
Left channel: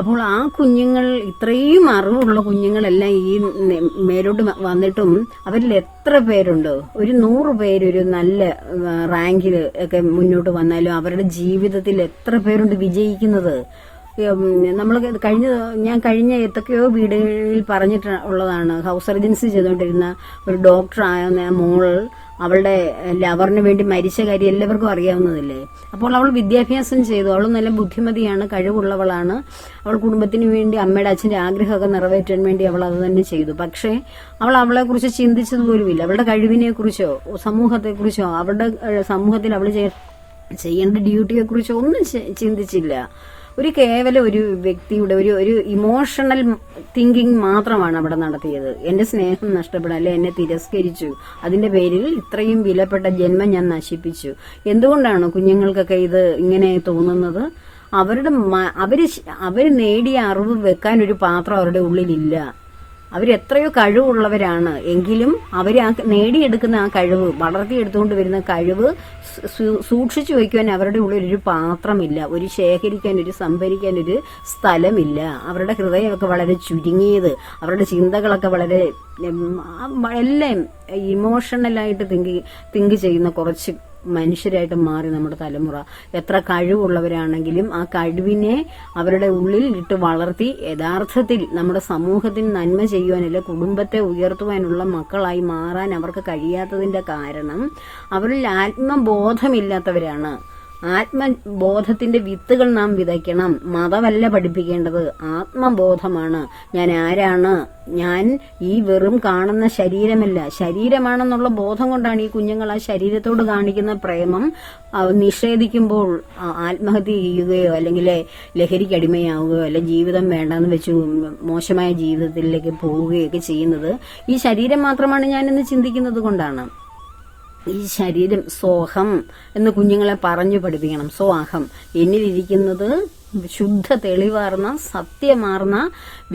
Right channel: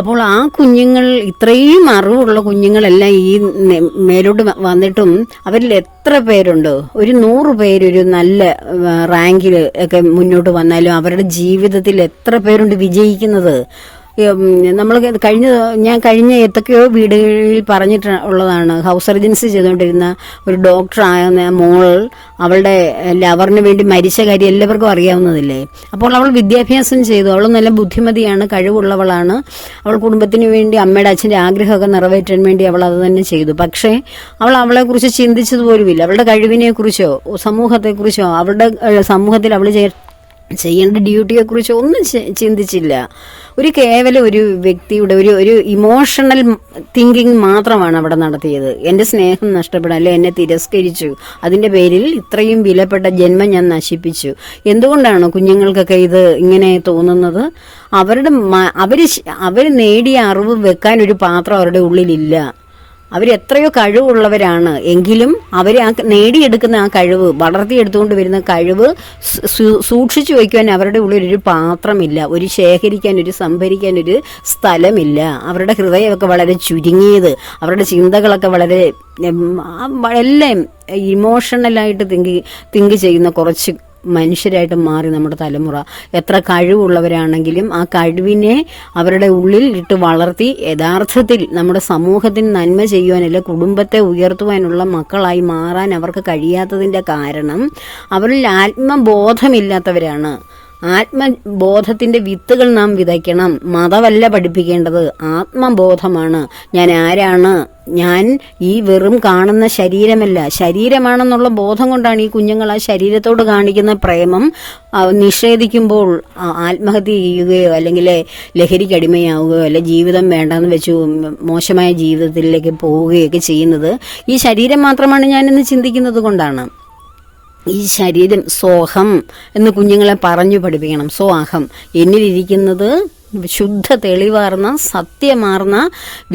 അപ്പോൾ ആ കുഞ്ഞുങ്ങൾ, ഇത്രയും അറിവുള്ള കുഞ്ഞുങ്ങളെല്ലാം ഈ മേലോട്ട് വന്നിട്ടും അവരിൽ എത്ര പേരുണ്ട്? ഒരു 100 പേര് ഒരു നല്ല റാങ്കിൽ ഒക്കെ മുന്നോട്ട് വന്നാലും അവരുടെ ജീവിതത്തിൽ എത്ര പേരുണ്ട് വിജയിക്കുന്നത്? നമ്മൾ ഞാൻ കഴിഞ്ഞ ഏതൊക്കെയോ വീടുകളിൽ പറഞ്ഞിട്ടുള്ളതാണ്. ഹൗസ് സർജൻസി ചെയ്തുകൊണ്ടിരുന്ന ഒരു ഡോക്ടറായ മോൾ അവളുടെ ലവറിന് വേണ്ടി മരിച്ച കാര്യം എല്ലാവർക്കും അറിയാവുന്നതല്ലേ. അപ്പോൾ അവൾ വിദ്യാഭ്യാസം ചെയ്തു, അവൾ നല്ല ബുദ്ധിമതിയാണ്, കഴിവുള്ളവളാണ്. അവൾ കുടുംബത്തിന് വേണ്ടി അമ്മയുടെ അച്ഛൻ്റെ ആഗ്രഹമൊക്കെ നിറവേറ്റാൻ വേണ്ടി അവൾ അത് തന്നെ ചെയ്തു. പക്ഷേ അവൾ അവളെക്കുറിച്ച് ചിന്തിച്ചതുപോലുമില്ല. അവളുടെ കഴിവിനെക്കുറിച്ചോ സമൂഹത്തെക്കുറിച്ചോ അവളുടെ സമൂഹത്തിൽ അവൾ ചെയ്യേണ്ട ഡ്യൂട്ടിയെക്കുറിച്ചോ ഒന്നും ചിന്തിച്ചില്ല. കേവലം ഒരു വ്യക്തിയുടെ ഒരു ഇമോഷണൽ തിങ്കിങ് മാത്രമാണ് അവിടെ നടത്തിയത്. എൻ്റെ സ്നേഹം നഷ്ടപ്പെടാൻ, അല്ലെ എന്നെ തിരസ്കരിച്ചു, അതിൻ്റെ പേരിൽ ഇത്രയും വിലപ്പെട്ട ജന്മം ഞാൻ നശിപ്പിച്ചു. എന്തുകൊണ്ടാണ് കുഞ്ഞുങ്ങൾക്കൊക്കെ ഇത് ഇങ്ങനെ തോന്നുന്നത്? അവർ നേടിയ അറിവ് വെക്കാൻ ഒരു പാത്രം അവരുടെ ഉള്ളിലില്ല. അവരെത്രയോ കഴിവുള്ളവരാണ്, എങ്കിലും അവർ നേടിയെടുക്കുന്ന ആ കഴിവ്, വളർത്തിയെടുത്തുകൊണ്ട് വരുന്ന കഴിവ് സൂക്ഷിച്ചു വയ്ക്കുവാൻ അവരുടെ ഉള്ളിൽ ഒരു പാത്രമില്ല, ഒരു ശേഖരിക്കാൻ, ഒരു സംഭരിക്കാൻ ഒരു സ്ഥലമില്ല. അവരുടെ ഹൃദയമൊക്കെ വളരെ ചുരുങ്ങിയത്, അവരുടെ ചിന്തകളൊക്കെ വളരെ എല്ലാം ഇമോഷണലായിട്ട് തിങ്ക് ചെയ്യുന്ന കുറച്ച് മനുഷ്യരായിട്ട് മാറി നമ്മുടെ തലമുറ. എത്ര കഴിവുള്ളവരാണെങ്കിലും ആ കഴിവിനെ അവരുടെ ഉള്ളിൽ ഇട്ട് വളർത്തി യഥാർത്ഥത്തിൽ നമ്മുടെ സമൂഹത്തിന് നന്മ ചെയ്യുവാനല്ല, കുടുംബത്തെ ഉയർത്തുവാനുള്ള മക്കളായി മാറാൻ അവർക്ക് കഴിയാത്തതിൻ്റെ കാരണം അവരിൽ ആത്മബോധമില്ലാത്തവരാണ്. ആത്മബോധത്തിൻ്റെ വിത്തുകൾ നാം വിതയ്ക്കണം. മതമല്ല പഠിപ്പിക്കേണ്ടത്, ആത്മബോധമാണ്. ഞാൻ ആരാണ്? ഞാൻ ഈ വെറും കാണുന്ന ശരീരമല്ല, ശരീരമാണെന്നുള്ള ബോധം കൊണ്ടാണ് ഈ കുഞ്ഞുങ്ങൾ ആ ശരീരത്തോട് കാണിക്കുന്ന പ്രേമം നിഷേധിക്കുമ്പോൾ ആത്മഹത്യ ചെയ്യുകയോ അല്ലെങ്കിൽ ലഹരിക്ക് അടിമയാവുകയോ അല്ലെ ജീവിതം വേണ്ടെന്ന് വെച്ച് മോശമായ ജീവിതത്തിലേക്ക് പോവുകയൊക്കെ ചെയ്യുന്നത് ഈ ശരീരം മാത്രമാണ് ഞാനെന്ന് ചിന്തിക്കുന്നത് കൊണ്ടാണ്. ഈ ശരീരം സ്വഹം എന്ന് കുഞ്ഞുങ്ങളെ പറഞ്ഞു പഠിപ്പിക്കണം. സ്വഹം എന്നിലിരിക്കുന്നത് ശുദ്ധ തെളിവാർന്ന സത്യമാർന്ന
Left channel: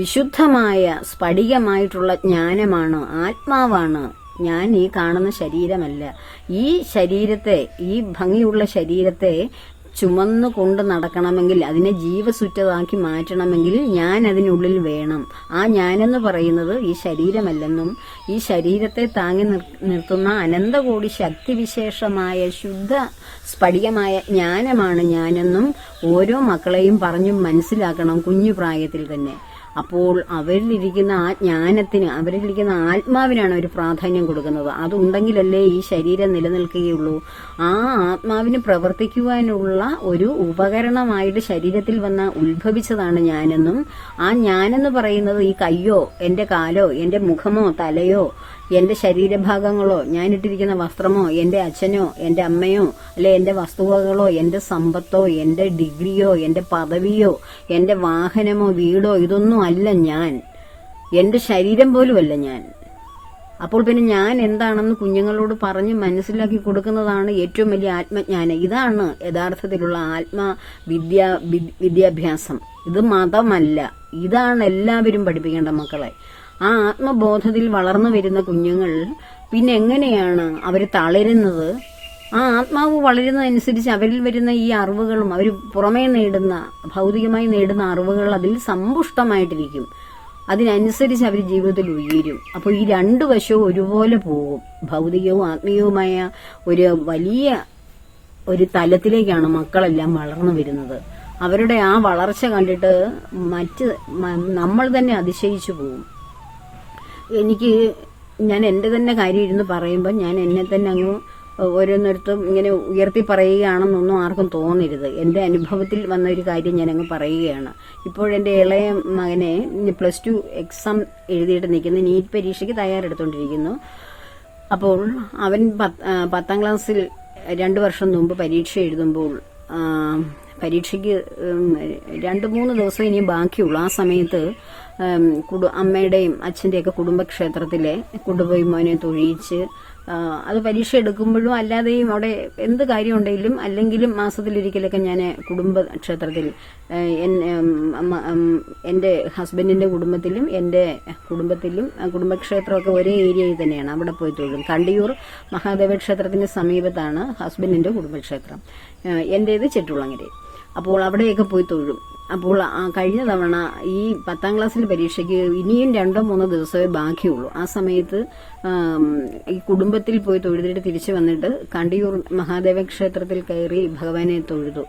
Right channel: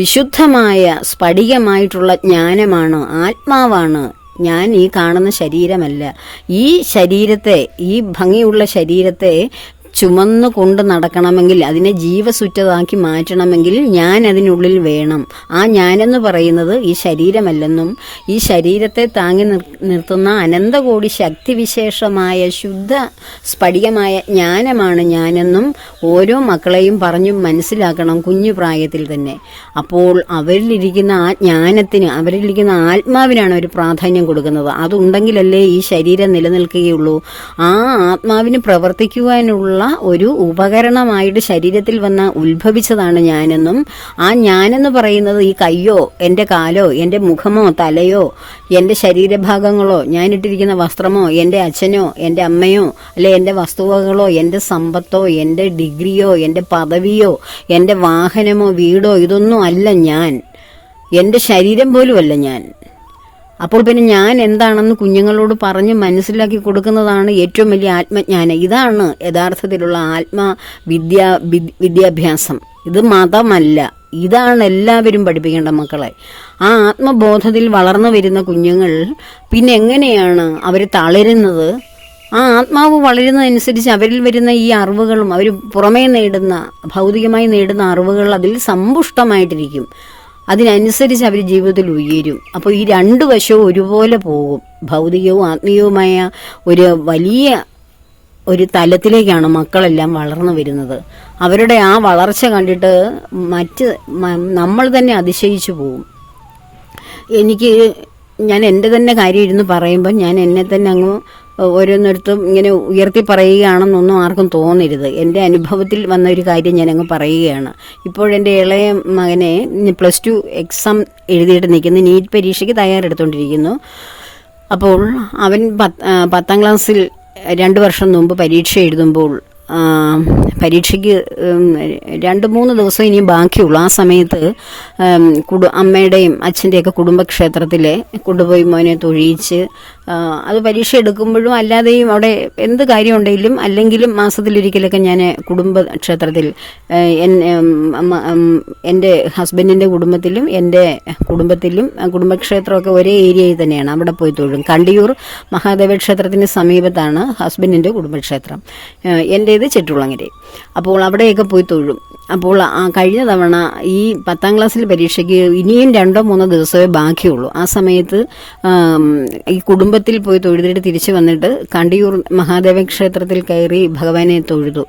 വിശുദ്ധമായ സ്ഫടികമായിട്ടുള്ള ജ്ഞാനമാണ്, ആത്മാവാണ്. ഞാൻ ഈ കാണുന്ന ശരീരമല്ല. ഈ ശരീരത്തെ, ഈ ഭംഗിയുള്ള ശരീരത്തെ ചുമന്നു കൊണ്ട് നടക്കണമെങ്കിൽ, അതിനെ ജീവസുറ്റതാക്കി മാറ്റണമെങ്കിൽ ഞാൻ അതിനുള്ളിൽ വേണം. ആ ഞാനെന്ന് പറയുന്നത് ഈ ശരീരമല്ലെന്നും ഈ ശരീരത്തെ താങ്ങി നിർത്തുന്ന അനന്തകോടി ശക്തിവിശേഷമായ ശുദ്ധ സ്ഫടികമായ ജ്ഞാനമാണ് ഞാനെന്നും ഓരോ മക്കളെയും പറഞ്ഞു മനസ്സിലാക്കണം കുഞ്ഞു പ്രായത്തിൽ തന്നെ. അപ്പോൾ അവരിലിരിക്കുന്ന ആ ജ്ഞാനത്തിന്, അവരിലിരിക്കുന്ന ആത്മാവിനാണ് ഒരു പ്രാധാന്യം കൊടുക്കുന്നത്. അതുണ്ടെങ്കിലല്ലേ ഈ ശരീരം നിലനിൽക്കുകയുള്ളൂ. ആ ആത്മാവിന് പ്രവർത്തിക്കുവാനുള്ള എന്നുള്ള ഒരു ഉപകരണമായിട്ട് ശരീരത്തിൽ വന്ന ഉത്ഭവിച്ചതാണ് ഞാനെന്നും, ആ ഞാനെന്ന് പറയുന്നത് ഈ കയ്യോ എൻ്റെ കാലോ എൻ്റെ മുഖമോ തലയോ എൻ്റെ ശരീരഭാഗങ്ങളോ ഞാനിട്ടിരിക്കുന്ന വസ്ത്രമോ എൻ്റെ അച്ഛനോ എൻ്റെ അമ്മയോ അല്ലെ എൻ്റെ വസ്തുവകളോ എൻ്റെ സമ്പത്തോ എൻ്റെ ഡിഗ്രിയോ എൻ്റെ പദവിയോ എൻ്റെ വാഹനമോ വീടോ ഇതൊന്നും അല്ല ഞാൻ. എൻ്റെ ശരീരം പോലുമല്ല ഞാൻ. അപ്പോൾ പിന്നെ ഞാൻ എന്താണെന്ന് കുഞ്ഞുങ്ങളോട് പറഞ്ഞ് മനസ്സിലാക്കി കൊടുക്കുന്നതാണ് ഏറ്റവും വലിയ ആത്മജ്ഞാനം. ഇതാണ് യഥാർത്ഥത്തിലുള്ള വിദ്യാഭ്യാസം. ഇത് മതമല്ല, ഇതാണ് എല്ലാവരും പഠിപ്പിക്കേണ്ട മക്കളെ. ആ ആത്മബോധത്തിൽ വളർന്നു വരുന്ന കുഞ്ഞുങ്ങൾ പിന്നെ എങ്ങനെയാണ് അവർ തളരുന്നത്? ആ ആത്മാവ് വളരുന്നതനുസരിച്ച് അവരിൽ വരുന്ന ഈ അറിവുകളും അവർ പുറമേ നേടുന്ന ഭൗതികമായി നേടുന്ന അറിവുകൾ അതിൽ സമ്പുഷ്ടമായിട്ടിരിക്കും. അതിനനുസരിച്ച് അവർ ജീവിതത്തിൽ ഉയരും. അപ്പോൾ ഈ രണ്ട് വശവും ഒരുപോലെ പോകും. ഭൗതികവും ആത്മീയവുമായ ഒരു വലിയ ഒരു തലത്തിലേക്കാണ് മക്കളെല്ലാം വളർന്നു വരുന്നത്. അവരുടെ ആ വളർച്ച കണ്ടിട്ട് നമ്മൾ തന്നെ അതിശയിച്ചു പോകും. ഞാൻ എൻ്റെ തന്നെ കാര്യം ഇരുന്ന് പറയുമ്പോൾ ഞാൻ എന്നെ തന്നെ അങ്ങ് ഓരോന്നിടത്തും ഇങ്ങനെ ഉയർത്തി പറയുകയാണെന്നൊന്നും ആർക്കും തോന്നരുത്. എൻ്റെ അനുഭവത്തിൽ വന്ന ഒരു കാര്യം ഞാനങ്ങ് പറയുകയാണ്. ഇപ്പോഴെൻ്റെ ഇളയ മകനെ +2 എക്സാം എഴുതിയിട്ട് നിൽക്കുന്നു, നീറ്റ് പരീക്ഷയ്ക്ക് തയ്യാറെടുത്തുകൊണ്ടിരിക്കുന്നു. അപ്പോൾ അവൻ 10ാം ക്ലാസ്സിൽ 2 വർഷം മുമ്പ് പരീക്ഷ എഴുതുമ്പോൾ പരീക്ഷയ്ക്ക് 2-3 ദിവസം ഇനിയും ബാക്കിയുള്ളൂ. ആ സമയത്ത് അമ്മയുടെയും അച്ഛൻ്റെയൊക്കെ കുടുംബക്ഷേത്രത്തിൽ കൊണ്ടുപോയി മോനെ തൊഴിയിച്ച് അത് പരീക്ഷ എടുക്കുമ്പോഴും അല്ലാതെയും അവിടെ എന്ത് കാര്യമുണ്ടെങ്കിലും അല്ലെങ്കിലും മാസത്തിലൊരിക്കലൊക്കെ ഞാൻ കുടുംബക്ഷേത്രത്തിൽ എൻ്റെ ഹസ്ബൻഡിൻ്റെ കുടുംബത്തിലും എൻ്റെ കുടുംബത്തിലും കുടുംബക്ഷേത്രമൊക്കെ ഒരേ ഏരിയയിൽ തന്നെയാണ്. അവിടെ പോയി തൊഴും. കണ്ടിയൂർ മഹാദേവ ക്ഷേത്രത്തിന് സമീപത്താണ് ഹസ്ബൻഡിൻ്റെ കുടുംബക്ഷേത്രം, എൻ്റേത് ചെട്ടുളങ്ങര. അപ്പോൾ അവിടെയൊക്കെ പോയി തൊഴും. അപ്പോൾ കഴിഞ്ഞ തവണ ഈ 10ാം ക്ലാസ്സിൽ പരീക്ഷയ്ക്ക് ഇനിയും 2-3 ദിവസമേ ബാക്കിയുള്ളൂ. ആ സമയത്ത് ഈ കുടുംബത്തിൽ പോയി തൊഴുതിട്ട് തിരിച്ചു വന്നിട്ട് കണ്ടിയൂർ മഹാദേവ ക്ഷേത്രത്തിൽ കയറി ഭഗവാനെ തൊഴുതു.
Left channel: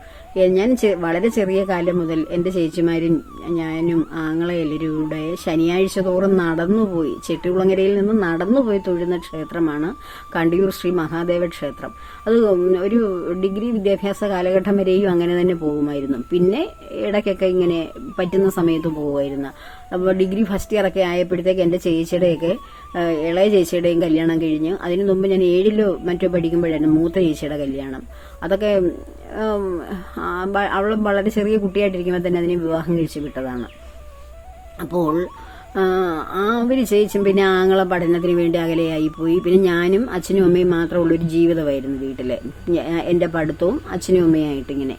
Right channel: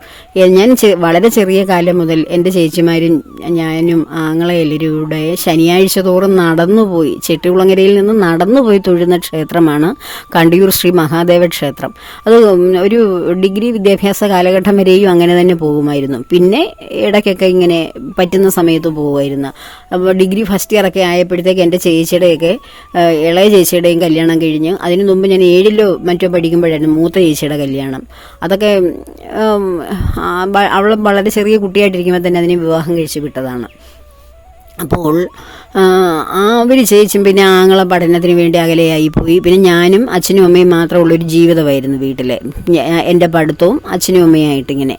ഞാൻ വളരെ ചെറിയ കാലം മുതൽ എൻ്റെ ചേച്ചിമാരും ഞാനും ആങ്ങളെ എല്ലാവരും കൂടെ ശനിയാഴ്ച തോറും നടന്നുപോയി, ചെട്ടികുളങ്ങരയിൽ നിന്ന് നടന്നുപോയി തൊഴുന്ന ക്ഷേത്രമാണ് കണ്ടിയൂർ ശ്രീ മഹാദേവ ക്ഷേത്രം. അത് ഒരു ഡിഗ്രി വിദ്യാഭ്യാസ കാലഘട്ടം വരെയും അങ്ങനെ തന്നെ പോകുമായിരുന്നു. പിന്നെ ഇടയ്ക്കൊക്കെ ഇങ്ങനെ പറ്റുന്ന സമയത്ത് പോകുമായിരുന്നു. അപ്പോൾ ഡിഗ്രി ഫസ്റ്റ് ഇയറൊക്കെ ആയപ്പോഴത്തേക്ക് എൻ്റെ ചേച്ചിയുടെയൊക്കെ ഇളയ ചേച്ചിയുടെയും കല്യാണം കഴിഞ്ഞ്, അതിന് മുമ്പ് ഞാൻ 7ലോ മറ്റോ പഠിക്കുമ്പോഴായിരുന്നു മൂത്ത ചേച്ചിയുടെ കല്യാണം. അതൊക്കെ അവൾ വളരെ ചെറിയ കുട്ടിയായിട്ടിരിക്കുമ്പോൾ തന്നെ അതിനെ വിവാഹം കഴിച്ച് വിട്ടതാണ്. അപ്പോൾ അവർ ചേച്ചും പിന്നെ ആങ്ങളെ പഠനത്തിന് വേണ്ടി അകലെയായി പോയി. പിന്നെ ഞാനും അച്ഛനും അമ്മയും മാത്രമുള്ളൊരു ജീവിതമായിരുന്നു വീട്ടിൽ, എൻ്റെ പഠിത്തവും അച്ഛനും അമ്മയായിട്ടിങ്ങനെ.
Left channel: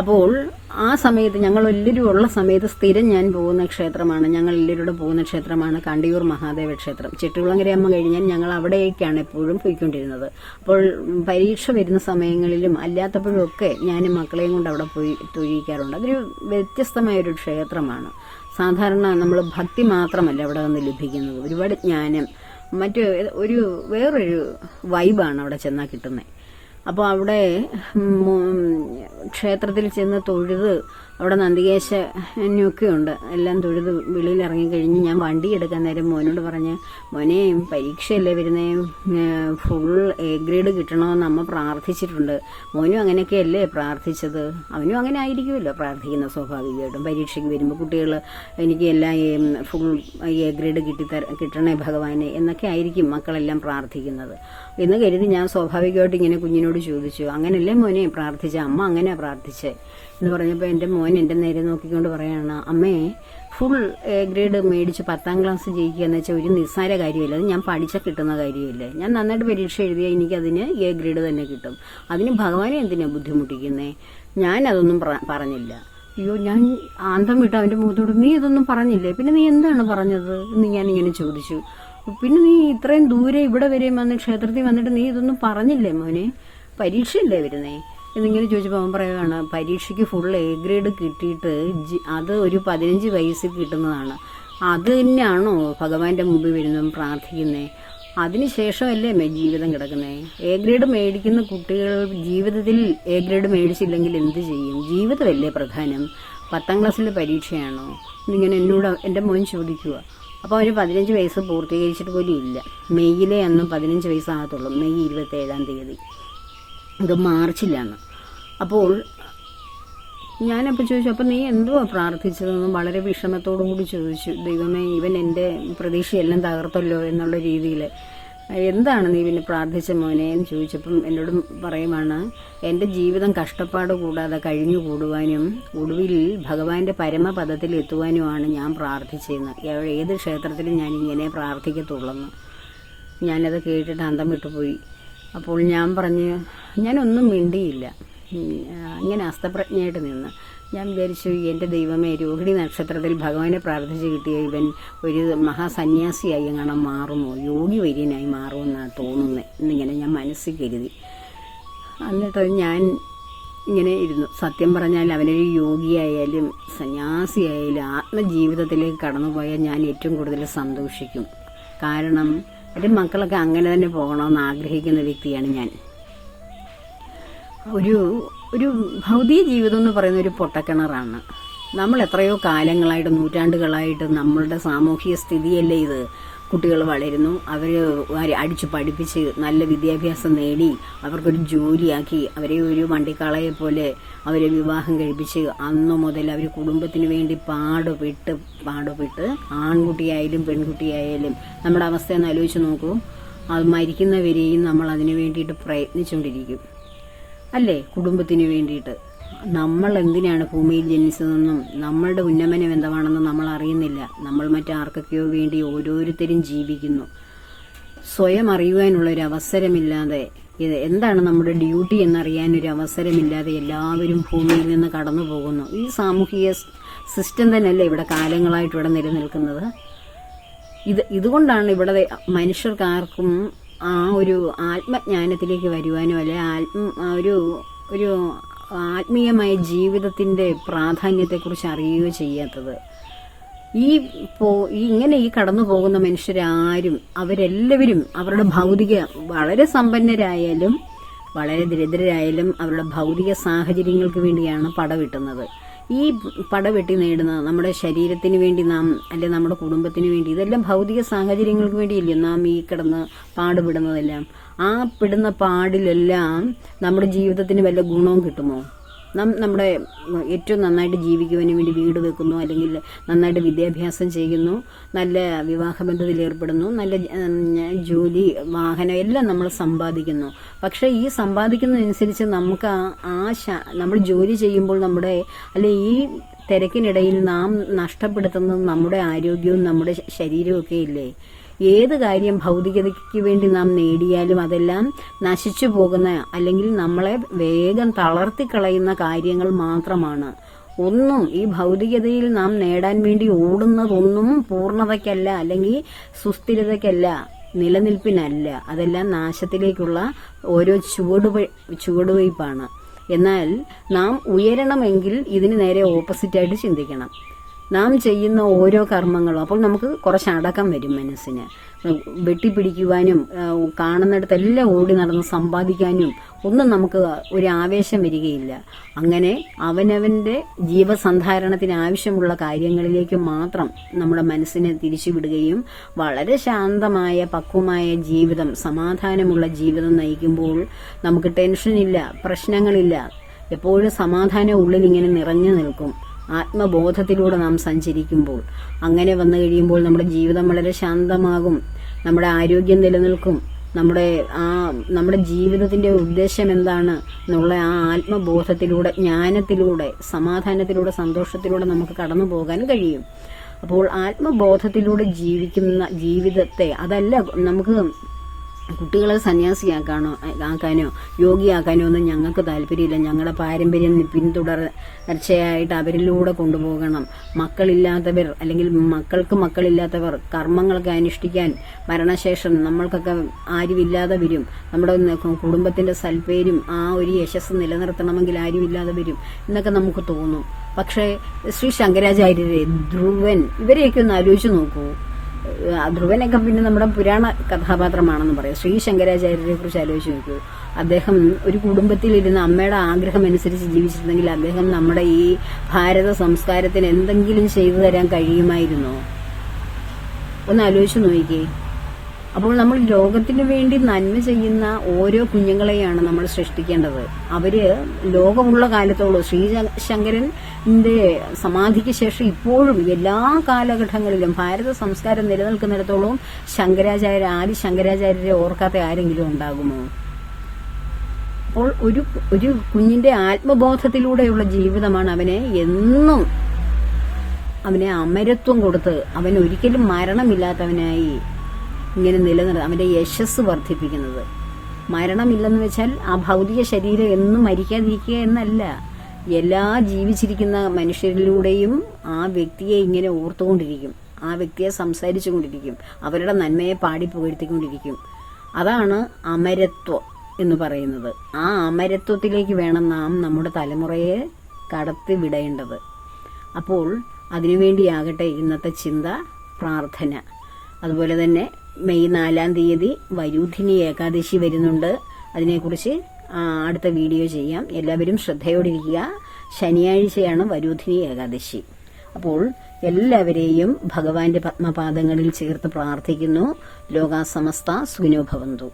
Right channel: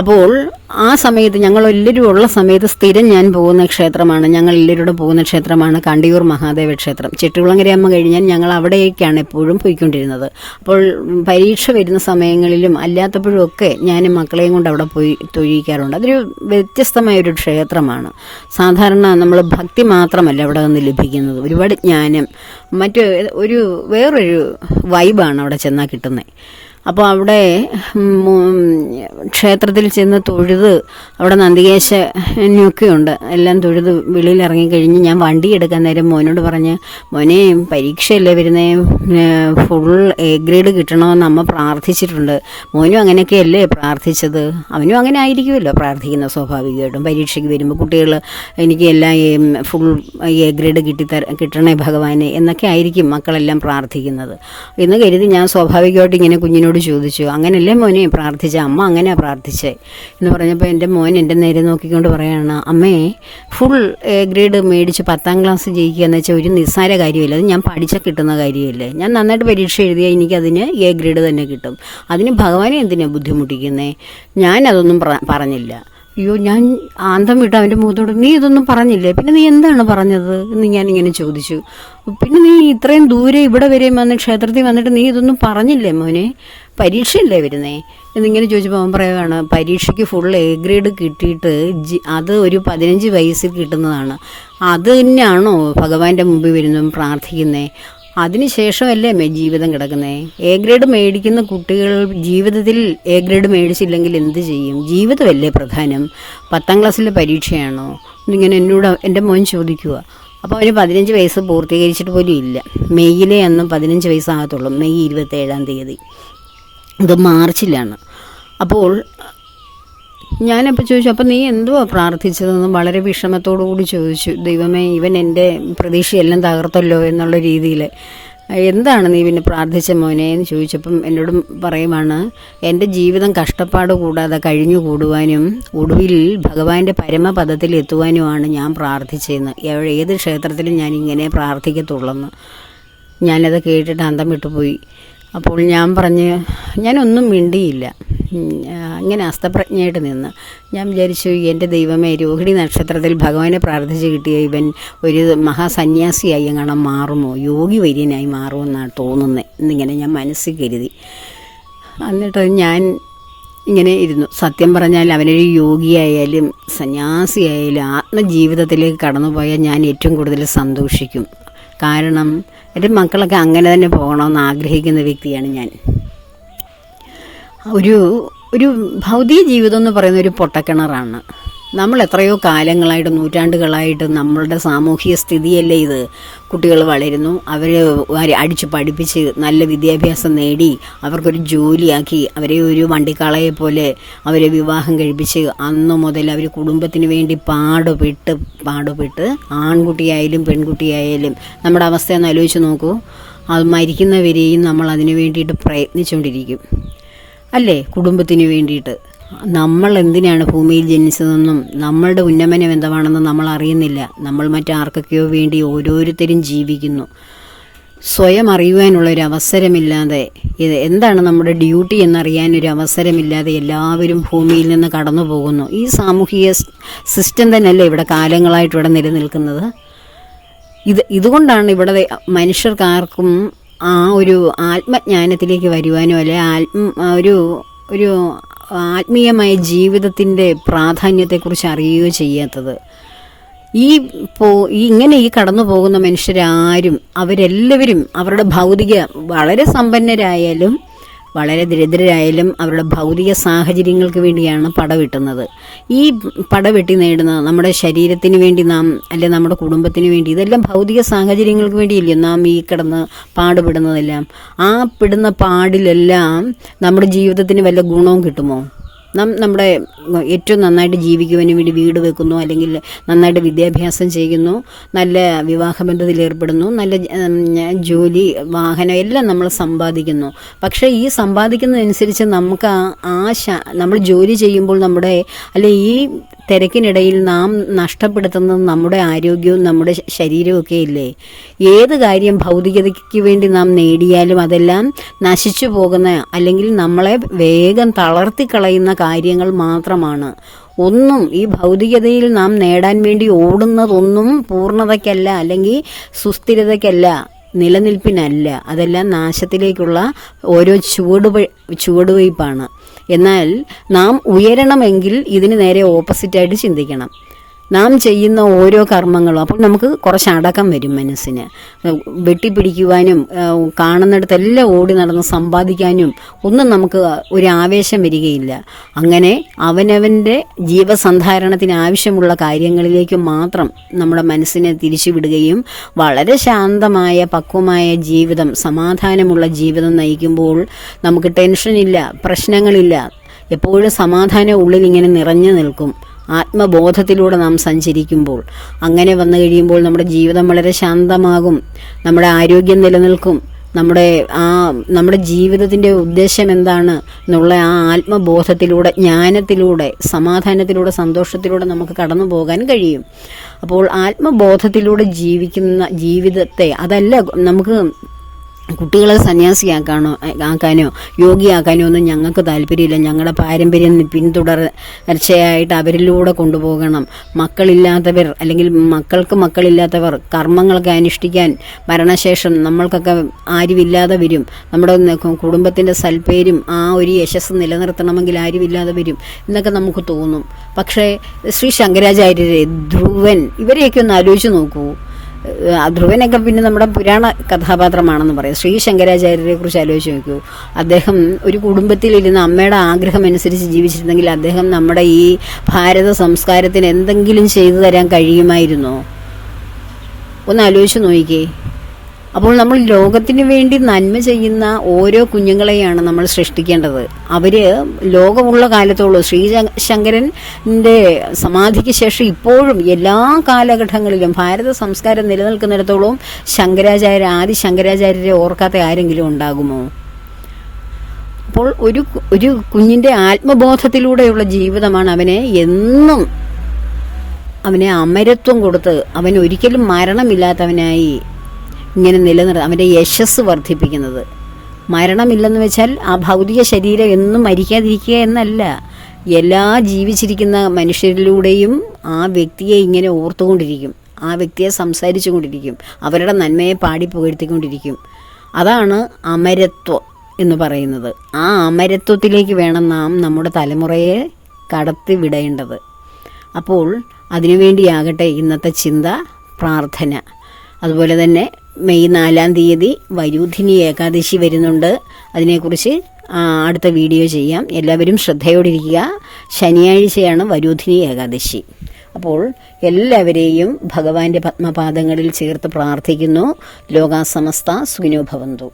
അപ്പോൾ ആ സമയത്ത് ഞങ്ങളെല്ലാവരും ഉള്ള സമയത്ത് സ്ഥിരം ഞാൻ പോകുന്ന ക്ഷേത്രമാണ്, ഞങ്ങളെല്ലാവരും പോകുന്ന ക്ഷേത്രമാണ് കണ്ടിയൂർ മഹാദേവ ക്ഷേത്രം. ചെട്ടികുളങ്ങരയമ്മ കഴിഞ്ഞാൽ ഞങ്ങൾ അവിടേക്കാണ് എപ്പോഴും പോയിക്കൊണ്ടിരുന്നത്. അപ്പോൾ പരീക്ഷ വരുന്ന സമയങ്ങളിലും അല്ലാത്തപ്പോഴും ഒക്കെ ഞാൻ മക്കളെയും കൊണ്ട് അവിടെ പോയി തൊഴിയിക്കാറുണ്ട്. അതൊരു വ്യത്യസ്തമായൊരു ക്ഷേത്രമാണ്. സാധാരണ നമ്മൾ ഭക്തി മാത്രമല്ല അവിടെ നിന്ന് ലഭിക്കുന്നത്, ഒരുപാട് ജ്ഞാനം, വേറൊരു വൈബാണ് അവിടെ ചെന്നാൽ കിട്ടുന്നത്. അപ്പോൾ അവിടെ ക്ഷേത്രത്തിൽ ചെന്ന് തൊഴുത് അവിടെ നന്ദികേശനൊക്കെ ഉണ്ട്, എല്ലാം തൊഴുത് വെളിയിൽ ഇറങ്ങിക്കഴിഞ്ഞ് ഞാൻ വണ്ടി എടുക്കാൻ നേരം മോനോട് പറഞ്ഞ്, മോനെ പരീക്ഷയല്ലേ വരുന്നേ, ഫുൾ A ഗ്രേഡ് കിട്ടണമെന്ന് അമ്മ പ്രാർത്ഥിച്ചിട്ടുണ്ട്. മോനും അങ്ങനെയൊക്കെയല്ലേ പ്രാർത്ഥിച്ചത്, അവനും അങ്ങനെ ആയിരിക്കുമല്ലോ പ്രാർത്ഥിക്കുന്ന സ്വാഭാവികമായിട്ടും. പരീക്ഷയ്ക്ക് വരുമ്പോൾ കുട്ടികൾ എനിക്ക് എല്ലാം ഫുൾ A ഗ്രേഡ് കിട്ടണേ ഭഗവാനെ എന്നൊക്കെ ആയിരിക്കും മക്കളെല്ലാം പ്രാർത്ഥിക്കുന്നത് എന്ന് കരുതി ഞാൻ സ്വാഭാവികമായിട്ട് ഇങ്ങനെ കുഞ്ഞിനോട് ചോദിച്ചു, അങ്ങനെയല്ലേ മോനെ പ്രാർത്ഥിച്ച, അമ്മ അങ്ങനെയാണ് പ്രാർത്ഥിച്ചേ എന്ന് പറഞ്ഞപ്പോൾ എൻ്റെ മോൻ എൻ്റെ നേരെ നോക്കിക്കൊണ്ട് പറയാണ്, അമ്മേ ഫുൾ A ഗ്രേഡ് മേടിച്ച് 10ാം ക്ലാസ് ജയിക്കുക എന്ന് വെച്ചാൽ ഒരു നിസ്സാര കാര്യമില്ല, അത് ഞാൻ പഠിച്ചാൽ കിട്ടുന്ന കാര്യമില്ലേ, ഞാൻ നന്നായിട്ട് പരീക്ഷ എഴുതിയാൽ എനിക്കതിന് A ഗ്രേഡ് തന്നെ കിട്ടും, അതിന് ഭഗവാനെ എന്തിനാണ് ബുദ്ധിമുട്ടിക്കുന്നേ. ഞാനതൊന്നും പറഞ്ഞില്ല. അയ്യോ, ഞാൻ ആന്തം വിട്ട് അവൻ്റെ മുഖത്തോട്, നീ ഇതൊന്നും പറഞ്ഞില്ലേ, പിന്നെ നീ എന്താണ് പറഞ്ഞത് എന്ന് ഞാനിങ്ങനെ ചോദിച്ചു. പിന്നെ നീ ഇത്രയും ദൂരെ ഇവിടെ വരെയും വന്ന് ക്ഷേത്രത്തിൽ വന്നിട്ട് നീ ഇതൊന്നും പറഞ്ഞില്ലേ മോനെ, പരീക്ഷയല്ലേ വരുന്നേ എന്നിങ്ങനെ ചോദിച്ചപ്പോൾ അവൻ പറയുകയാണ്, പരീക്ഷയ്ക്ക് ഫുൾ A ഗ്രേഡ് കിട്ടിയിട്ട് അത് ഒരു 15 വയസ്സിൽ കിട്ടുന്നതാണ്, അത് തന്നെയാണോ ഭഗവാന്റെ മുമ്പിൽ വരുന്നതും പ്രാർത്ഥിക്കുന്നേ, അതിനുശേഷമല്ലേ ജീവിതം കിടക്കുന്നേ. A ഗ്രേഡ് മേടിക്കുന്ന കുട്ടികൾ ജീവിതത്തിൽ A ഗ്രേഡ് മേടിച്ചില്ലെങ്കിൽ എന്ത് ചെയ്യും, ജീവിതമല്ലേ പ്രധാനം, 10ാം ക്ലാസ്സിലെ പരീക്ഷയാണോ എന്നിങ്ങനെ എന്നോട് എൻ്റെ മോൻ ചോദിക്കുക. അപ്പോൾ അവന് 15 വയസ്സ് പൂർത്തീകരിച്ചിട്ട് പോലും ഇല്ല. മെയ്യിലെ അന്നും 15 വയസ്സാകത്തുള്ളൂ, മെയ് 27-ാം തീയതി, ഇത് മാർച്ചിലാണ്. അപ്പോൾ ഞാനപ്പോൾ ചോദിച്ചു, അപ്പോൾ നീ എന്തുവാ പ്രാർത്ഥിച്ചതെന്ന് വളരെ വിഷമത്തോടു കൂടി ചോദിച്ചു. ദൈവമേ, ഇവൻ എൻ്റെ പ്രതീക്ഷയെല്ലാം തകർത്തല്ലോ എന്നുള്ള രീതിയിൽ. എന്താണ് നീ പിന്നെ പ്രാർത്ഥിച്ച മോനെ എന്ന് ചോദിച്ചപ്പം എന്നോടും പറയുവാണ്, എൻ്റെ ജീവിതം കഷ്ടപ്പാട് കൂടാതെ കഴിഞ്ഞു കൂടുവാനും ഒടുവിൽ ഭഗവാന്റെ പരമപദത്തിൽ എത്തുവാനുമാണ് ഞാൻ പ്രാർത്ഥിച്ചതെന്ന്. ഏത് ക്ഷേത്രത്തിലും ഞാൻ ഇങ്ങനെ പ്രാർത്ഥിക്കത്തുള്ളെന്ന്. ഞാനത് കേട്ടിട്ട് അന്തം വിട്ടുപോയി. അപ്പോൾ ഞാനൊന്നും മിണ്ടിയില്ല. ഇങ്ങനെ അസ്തപ്രജ്ഞയായിട്ട് നിന്ന് ഞാൻ വിചാരിച്ചു, എൻ്റെ ദൈവമേ, രോഹിണി നക്ഷത്രത്തിൽ ഭഗവാനെ പ്രാർത്ഥിച്ച് കിട്ടിയ ഇവൻ ഒരു മഹാസന്യാസിയായി എങ്ങനെ മാറുമോ, യോഗി വര്യനായി മാറുമെന്നാണ് തോന്നുന്നത് എന്നിങ്ങനെ ഞാൻ മനസ്സിൽ കരുതി. എന്നിട്ട് ഞാൻ ഇങ്ങനെ ഇരുന്നു. സത്യം പറഞ്ഞാൽ അവനൊരു യോഗിയായാലും സന്യാസിയായാലും ആത്മജീവിതത്തിലേക്ക് കടന്നുപോയാൽ ഞാൻ ഏറ്റവും കൂടുതൽ സന്തോഷിക്കും. കാരണം എൻ്റെ മക്കളൊക്കെ അങ്ങനെ തന്നെ പോകണമെന്ന് ആഗ്രഹിക്കുന്ന വ്യക്തിയാണ് ഞാൻ. ഒരു ഭൗതിക ജീവിതം എന്ന് പറയുന്ന ഒരു പൊട്ടക്കിണറാണ്. നമ്മൾ എത്രയോ കാലങ്ങളായിട്ട്, നൂറ്റാണ്ടുകളായിട്ട് നമ്മളുടെ സാമൂഹിക സ്ഥിതിയല്ലേ ഇത്. കുട്ടികൾ വളരുന്നു, അവരെ അടിച്ചു പഠിപ്പിച്ച് നല്ല വിദ്യാഭ്യാസം നേടി അവർക്കൊരു ജോലിയാക്കി അവരെ ഒരു വണ്ടിക്കാളയെ പോലെ അവരെ വിവാഹം കഴിപ്പിച്ച് അന്നു മുതൽ അവർ കുടുംബത്തിന് വേണ്ടി പാടുപെട്ട് ആൺകുട്ടിയായാലും പെൺകുട്ടിയായാലും നമ്മുടെ അവസ്ഥ ഒന്ന് ആലോചിച്ച് നോക്കൂ. അത് മരിക്കുന്നവരെയും നമ്മൾ അതിനു വേണ്ടിയിട്ട് പ്രയത്നിച്ചുകൊണ്ടിരിക്കും അല്ലേ, കുടുംബത്തിന് വേണ്ടിയിട്ട്. നമ്മൾ എന്തിനാണ് ഭൂമിയിൽ ജനിച്ചതെന്നും നമ്മളുടെ ഉന്നമനം എന്താണെന്നും നമ്മൾ അറിയുന്നില്ല. നമ്മൾ മറ്റാർക്കൊക്കെയോ വേണ്ടി ഓരോരുത്തരും ജീവിക്കുന്നു. സ്വയം അറിയുവാനുള്ളൊരു അവസരമില്ലാതെ, ഇത് എന്താണ് നമ്മുടെ ഡ്യൂട്ടി എന്നറിയാനൊരു അവസരമില്ലാതെ എല്ലാവരും ഭൂമിയിൽ നിന്ന് കടന്നു പോകുന്നു. ഈ സാമൂഹിക സിസ്റ്റം തന്നെയല്ലേ ഇവിടെ കാലങ്ങളായിട്ട് ഇവിടെ നിലനിൽക്കുന്നത്. ഇതുകൊണ്ടാണ് ഇവിടെ മനുഷ്യർക്കാർക്കും ആ ഒരു ആത്മജ്ഞാനത്തിലേക്ക് വരുവാനോ അല്ലെ ഒരു ആത്മീയമായ ജീവിതത്തിൻ്റെ പ്രാധാന്യത്തെക്കുറിച്ച് അറിയുകയോ ചെയ്യാത്തത്. ഇങ്ങനെ കടന്നു പോകുന്ന മനുഷ്യരാരും അവരെല്ലാവരും അവരുടെ ഭൗതിക, വളരെ സമ്പന്നരായാലും വളരെ ദരിദ്രരായാലും അവരുടെ ഭൗതിക സാഹചര്യങ്ങൾക്ക് വേണ്ടിയാണ് പടവെട്ടുന്നത്. ഈ പടവെട്ടി നേടുന്ന നമ്മുടെ ശരീരത്തിന് വേണ്ടി നാം, അല്ലെ നമ്മുടെ കുടുംബത്തിന് വേണ്ടി, ഇതെല്ലാം ഭൗതിക സാഹചര്യങ്ങൾക്ക് വേണ്ടിയില്ലേ നാം ഈ കിടന്ന് പാടുപെടുന്നതെല്ലാം. ആ പെടുന്ന പാടിലെല്ലാം നമ്മുടെ ജീവിതത്തിന് വല്ല ഗുണവും കിട്ടുമോ? നമ്മുടെ ഏറ്റവും നന്നായിട്ട് ജീവിക്കുവാനും വേണ്ടി വീട് വെക്കുന്നു, അല്ലെങ്കിൽ നന്നായിട്ട് വിദ്യാഭ്യാസം ചെയ്യുന്നു, നല്ല വിവാഹബന്ധത്തിൽ ഏർപ്പെടുന്നു, നല്ല ജോലി, വാഹനം എല്ലാം നമ്മൾ സമ്പാദിക്കുന്നു. പക്ഷേ ഈ സമ്പാദിക്കുന്നതനുസരിച്ച് നമുക്ക് നമ്മൾ ജോലി ചെയ്യുമ്പോൾ ഈ തിരക്കിനിടയിൽ നാം നഷ്ടപ്പെടുത്തുന്നത് നമ്മുടെ ആരോഗ്യവും നമ്മുടെ ശരീരവും ഒക്കെ ഇല്ലേ. ഏത് കാര്യം ഭൗതികതയ്ക്ക് വേണ്ടി നാം നേടിയാലും അതെല്ലാം നശിച്ചു പോകുന്ന, അല്ലെങ്കിൽ നമ്മളെ വേഗം തളർത്തിക്കളയുന്ന കാര്യങ്ങൾ മാത്രമാണ്. ഈ ഭൗതികതയിൽ നാം നേടാൻ വേണ്ടി ഓടുന്നതൊന്നും പൂർണ്ണതയ്ക്കല്ല, അല്ലെങ്കിൽ സുസ്ഥിരതയ്ക്കല്ല, നിലനിൽപ്പിനല്ല. അതെല്ലാം നാശത്തിലേക്കുള്ള ഓരോ ചുവടുവയ്പ്പാണ്. എന്നാൽ നാം ഉയരണമെങ്കിൽ ഇതിന് നേരെ ഓപ്പോസിറ്റായിട്ട് ചിന്തിക്കണം. നാം ചെയ്യുന്ന ഓരോ കർമ്മങ്ങളും, അപ്പോൾ നമുക്ക് കുറച്ച് അടക്കം വരും മനസ്സിന്. വെട്ടിപ്പിടിക്കുവാനും കാണുന്നിടത്തെല്ലാം ഓടി നടന്ന് സമ്പാദിക്കാനും ഒന്നും നമുക്ക് ഒരു ആവേശം വരികയില്ല. അങ്ങനെ അവനവൻ്റെ ജീവസന്ധാരണത്തിന് ആവശ്യമുള്ള കാര്യങ്ങളിലേക്ക് മാത്രം നമ്മുടെ മനസ്സിനെ തിരിച്ചുവിടുകയും വളരെ ശാന്തമായ പക്വമായ ജീവിതം, സമാധാനമുള്ള ജീവിതം നയിക്കുമ്പോൾ നമുക്ക് ടെൻഷനില്ല, പ്രശ്നങ്ങളില്ല. എപ്പോഴും സമാധാനം ഉള്ളിൽ ഇങ്ങനെ നിറഞ്ഞു നിൽക്കും. ആത്മബോധത്തിലൂടെ നാം സഞ്ചരിക്കുമ്പോൾ അങ്ങനെ വന്നു കഴിയുമ്പോൾ നമ്മുടെ ജീവിതം വളരെ ശാന്തമാകും, നമ്മുടെ ആരോഗ്യം നിലനിൽക്കും. നമ്മുടെ ജീവിതത്തിൻ്റെ ഉദ്ദേശം എന്താണ് എന്നുള്ള ആ ആത്മബോധത്തിലൂടെ, ജ്ഞാനത്തിലൂടെ, സമാധാനത്തിലൂടെ, സന്തോഷത്തിലൂടെ നമുക്ക് കടന്നു പോകാൻ കഴിയും. അപ്പോൾ ആത്മബോധത്തിലൂടെ ജീവിക്കുന്ന ജീവിതത്തെ, അതല്ല നമുക്ക് കുട്ടികളെ സന്യാസിയാക്കാനോ യോഗിയാക്കാനോ ഒന്നും ഞങ്ങൾക്ക് താല്പര്യമില്ല. ഞങ്ങളുടെ പാരമ്പര്യം പിന്തുടർച്ചയായിട്ട് അവരിലൂടെ കൊണ്ടുപോകണം. മക്കളില്ലാത്തവർ, അല്ലെങ്കിൽ മക്കളില്ലാത്തവർ കർമ്മങ്ങളൊക്കെ അനുഷ്ഠിക്കാൻ മരണശേഷം നമ്മൾക്കൊക്കെ ആരുമില്ലാതെ വരും. നമ്മുടെ കുടുംബത്തിൻ്റെ സൽപ്പേരും ആ ഒരു യശസ് നിലനിർത്തണമെങ്കിൽ ആരുമില്ലാതെ വരും എന്നൊക്കെ നമുക്ക് തോന്നും. പക്ഷേ ശ്രീ ശങ്കരാചാര്യരെ, ധ്രുവൻ, ഇവരെയൊക്കെ ഒന്ന് ആലോചിച്ച് നോക്കൂ. ധ്രുവനൊക്കെ പിന്നെ നമ്മുടെ പുരാണ കഥാപാത്രമാണെന്ന് പറയാം. ശ്രീ ശങ്കരാചാര്യരെ കുറിച്ച് ആലോചിച്ച് നോക്കൂ. അദ്ദേഹം ഒരു കുടുംബത്തിലിരുന്ന് അമ്മയുടെ ആഗ്രഹം അനുസരിച്ച് ജീവിച്ചിരുന്നെങ്കിൽ അദ്ദേഹം നമ്മുടെ ഈ ഭാരത സംസ്കാരത്തിന് എന്തെങ്കിലും ചെയ്തു തരാൻ കഴിയുമായിരുന്നോ? ഒന്ന് ആലോചിച്ച് നോക്കിക്കേ. അപ്പോൾ നമ്മൾ ലോകത്തിന് വേണ്ടി നന്മ ചെയ്യുന്ന ഓരോ കുഞ്ഞുങ്ങളെയാണ് നമ്മൾ സൃഷ്ടിക്കേണ്ടത്. അവർ ലോകമുള്ള കാലത്തോളം ശങ്കരൻ്റെ സമാധിക്ക് ശേഷം ഇപ്പോഴും എല്ലാ കാലഘട്ടങ്ങളിലും ഭാരത സംസ്കാരം നിലനിൽക്കുന്നിടത്തോളം ആദി ശങ്കരാചാര്യരെ ഓർക്കാത്ത ആരെങ്കിലും ഉണ്ടാകുമോ? അപ്പോൾ ഒരു കുഞ്ഞിൻ്റെ ആത്മബോധത്തിലൂടെയുള്ള ജീവിതമാണ് അവനെ അമരത്വം കൊടുത്ത് അവൻ ഒരിക്കലും മരണമില്ലാത്തവനായി ഇങ്ങനെ അവൻ്റെ യശസ് വർദ്ധിപ്പിക്കുന്നത്. മരണമില്ലെന്ന് വെച്ചാൽ ആ ഭൗതിക ശരീരം എന്നും മരിക്കാതിരിക്കുക എന്നല്ല. എല്ലാ ജീവിച്ചിരിക്കുന്ന മനുഷ്യരിലൂടെയും ആ വ്യക്തിയെ ഇങ്ങനെ ഓർത്തുകൊണ്ടിരിക്കും, ആ വ്യക്തിയെ സംസാരിച്ചു കൊണ്ടിരിക്കും, അവരുടെ നന്മയെ പാടി പുകഴ്ത്തിക്കൊണ്ടിരിക്കും. അതാണ് അമരത്വം എന്ന് പറയുന്നത്. ആ അമരത്വത്തിലേക്ക് വേണം നാം നമ്മുടെ തലമുറയെ കടത്തി വിടേണ്ടത്. അപ്പോൾ അതിനുവേണ്ടിയാകട്ടെ ഇന്നത്തെ ചിന്ത, പ്രാർത്ഥന. അതുപോലെ തന്നെ മെയ് 4-ാം തീയതി വരൂധിനി ഏകാദശി വരുന്നുണ്ട്. അതിനെക്കുറിച്ച് അടുത്ത വീഡിയോ ചെയ്യാം. എല്ലാവരും ശ്രദ്ധയോടിരിക്കുക. ശനിയാഴ്ചയാണ് വരൂധിനി ഏകാദശി. അപ്പോൾ എല്ലാവരെയും ഭഗവാന്റെ പത്മപാദങ്ങളിൽ ചേർത്ത് പ്രാർത്ഥിക്കുന്നു. ലോകാ സമസ്ത സുഖിനോ ഭവന്തു.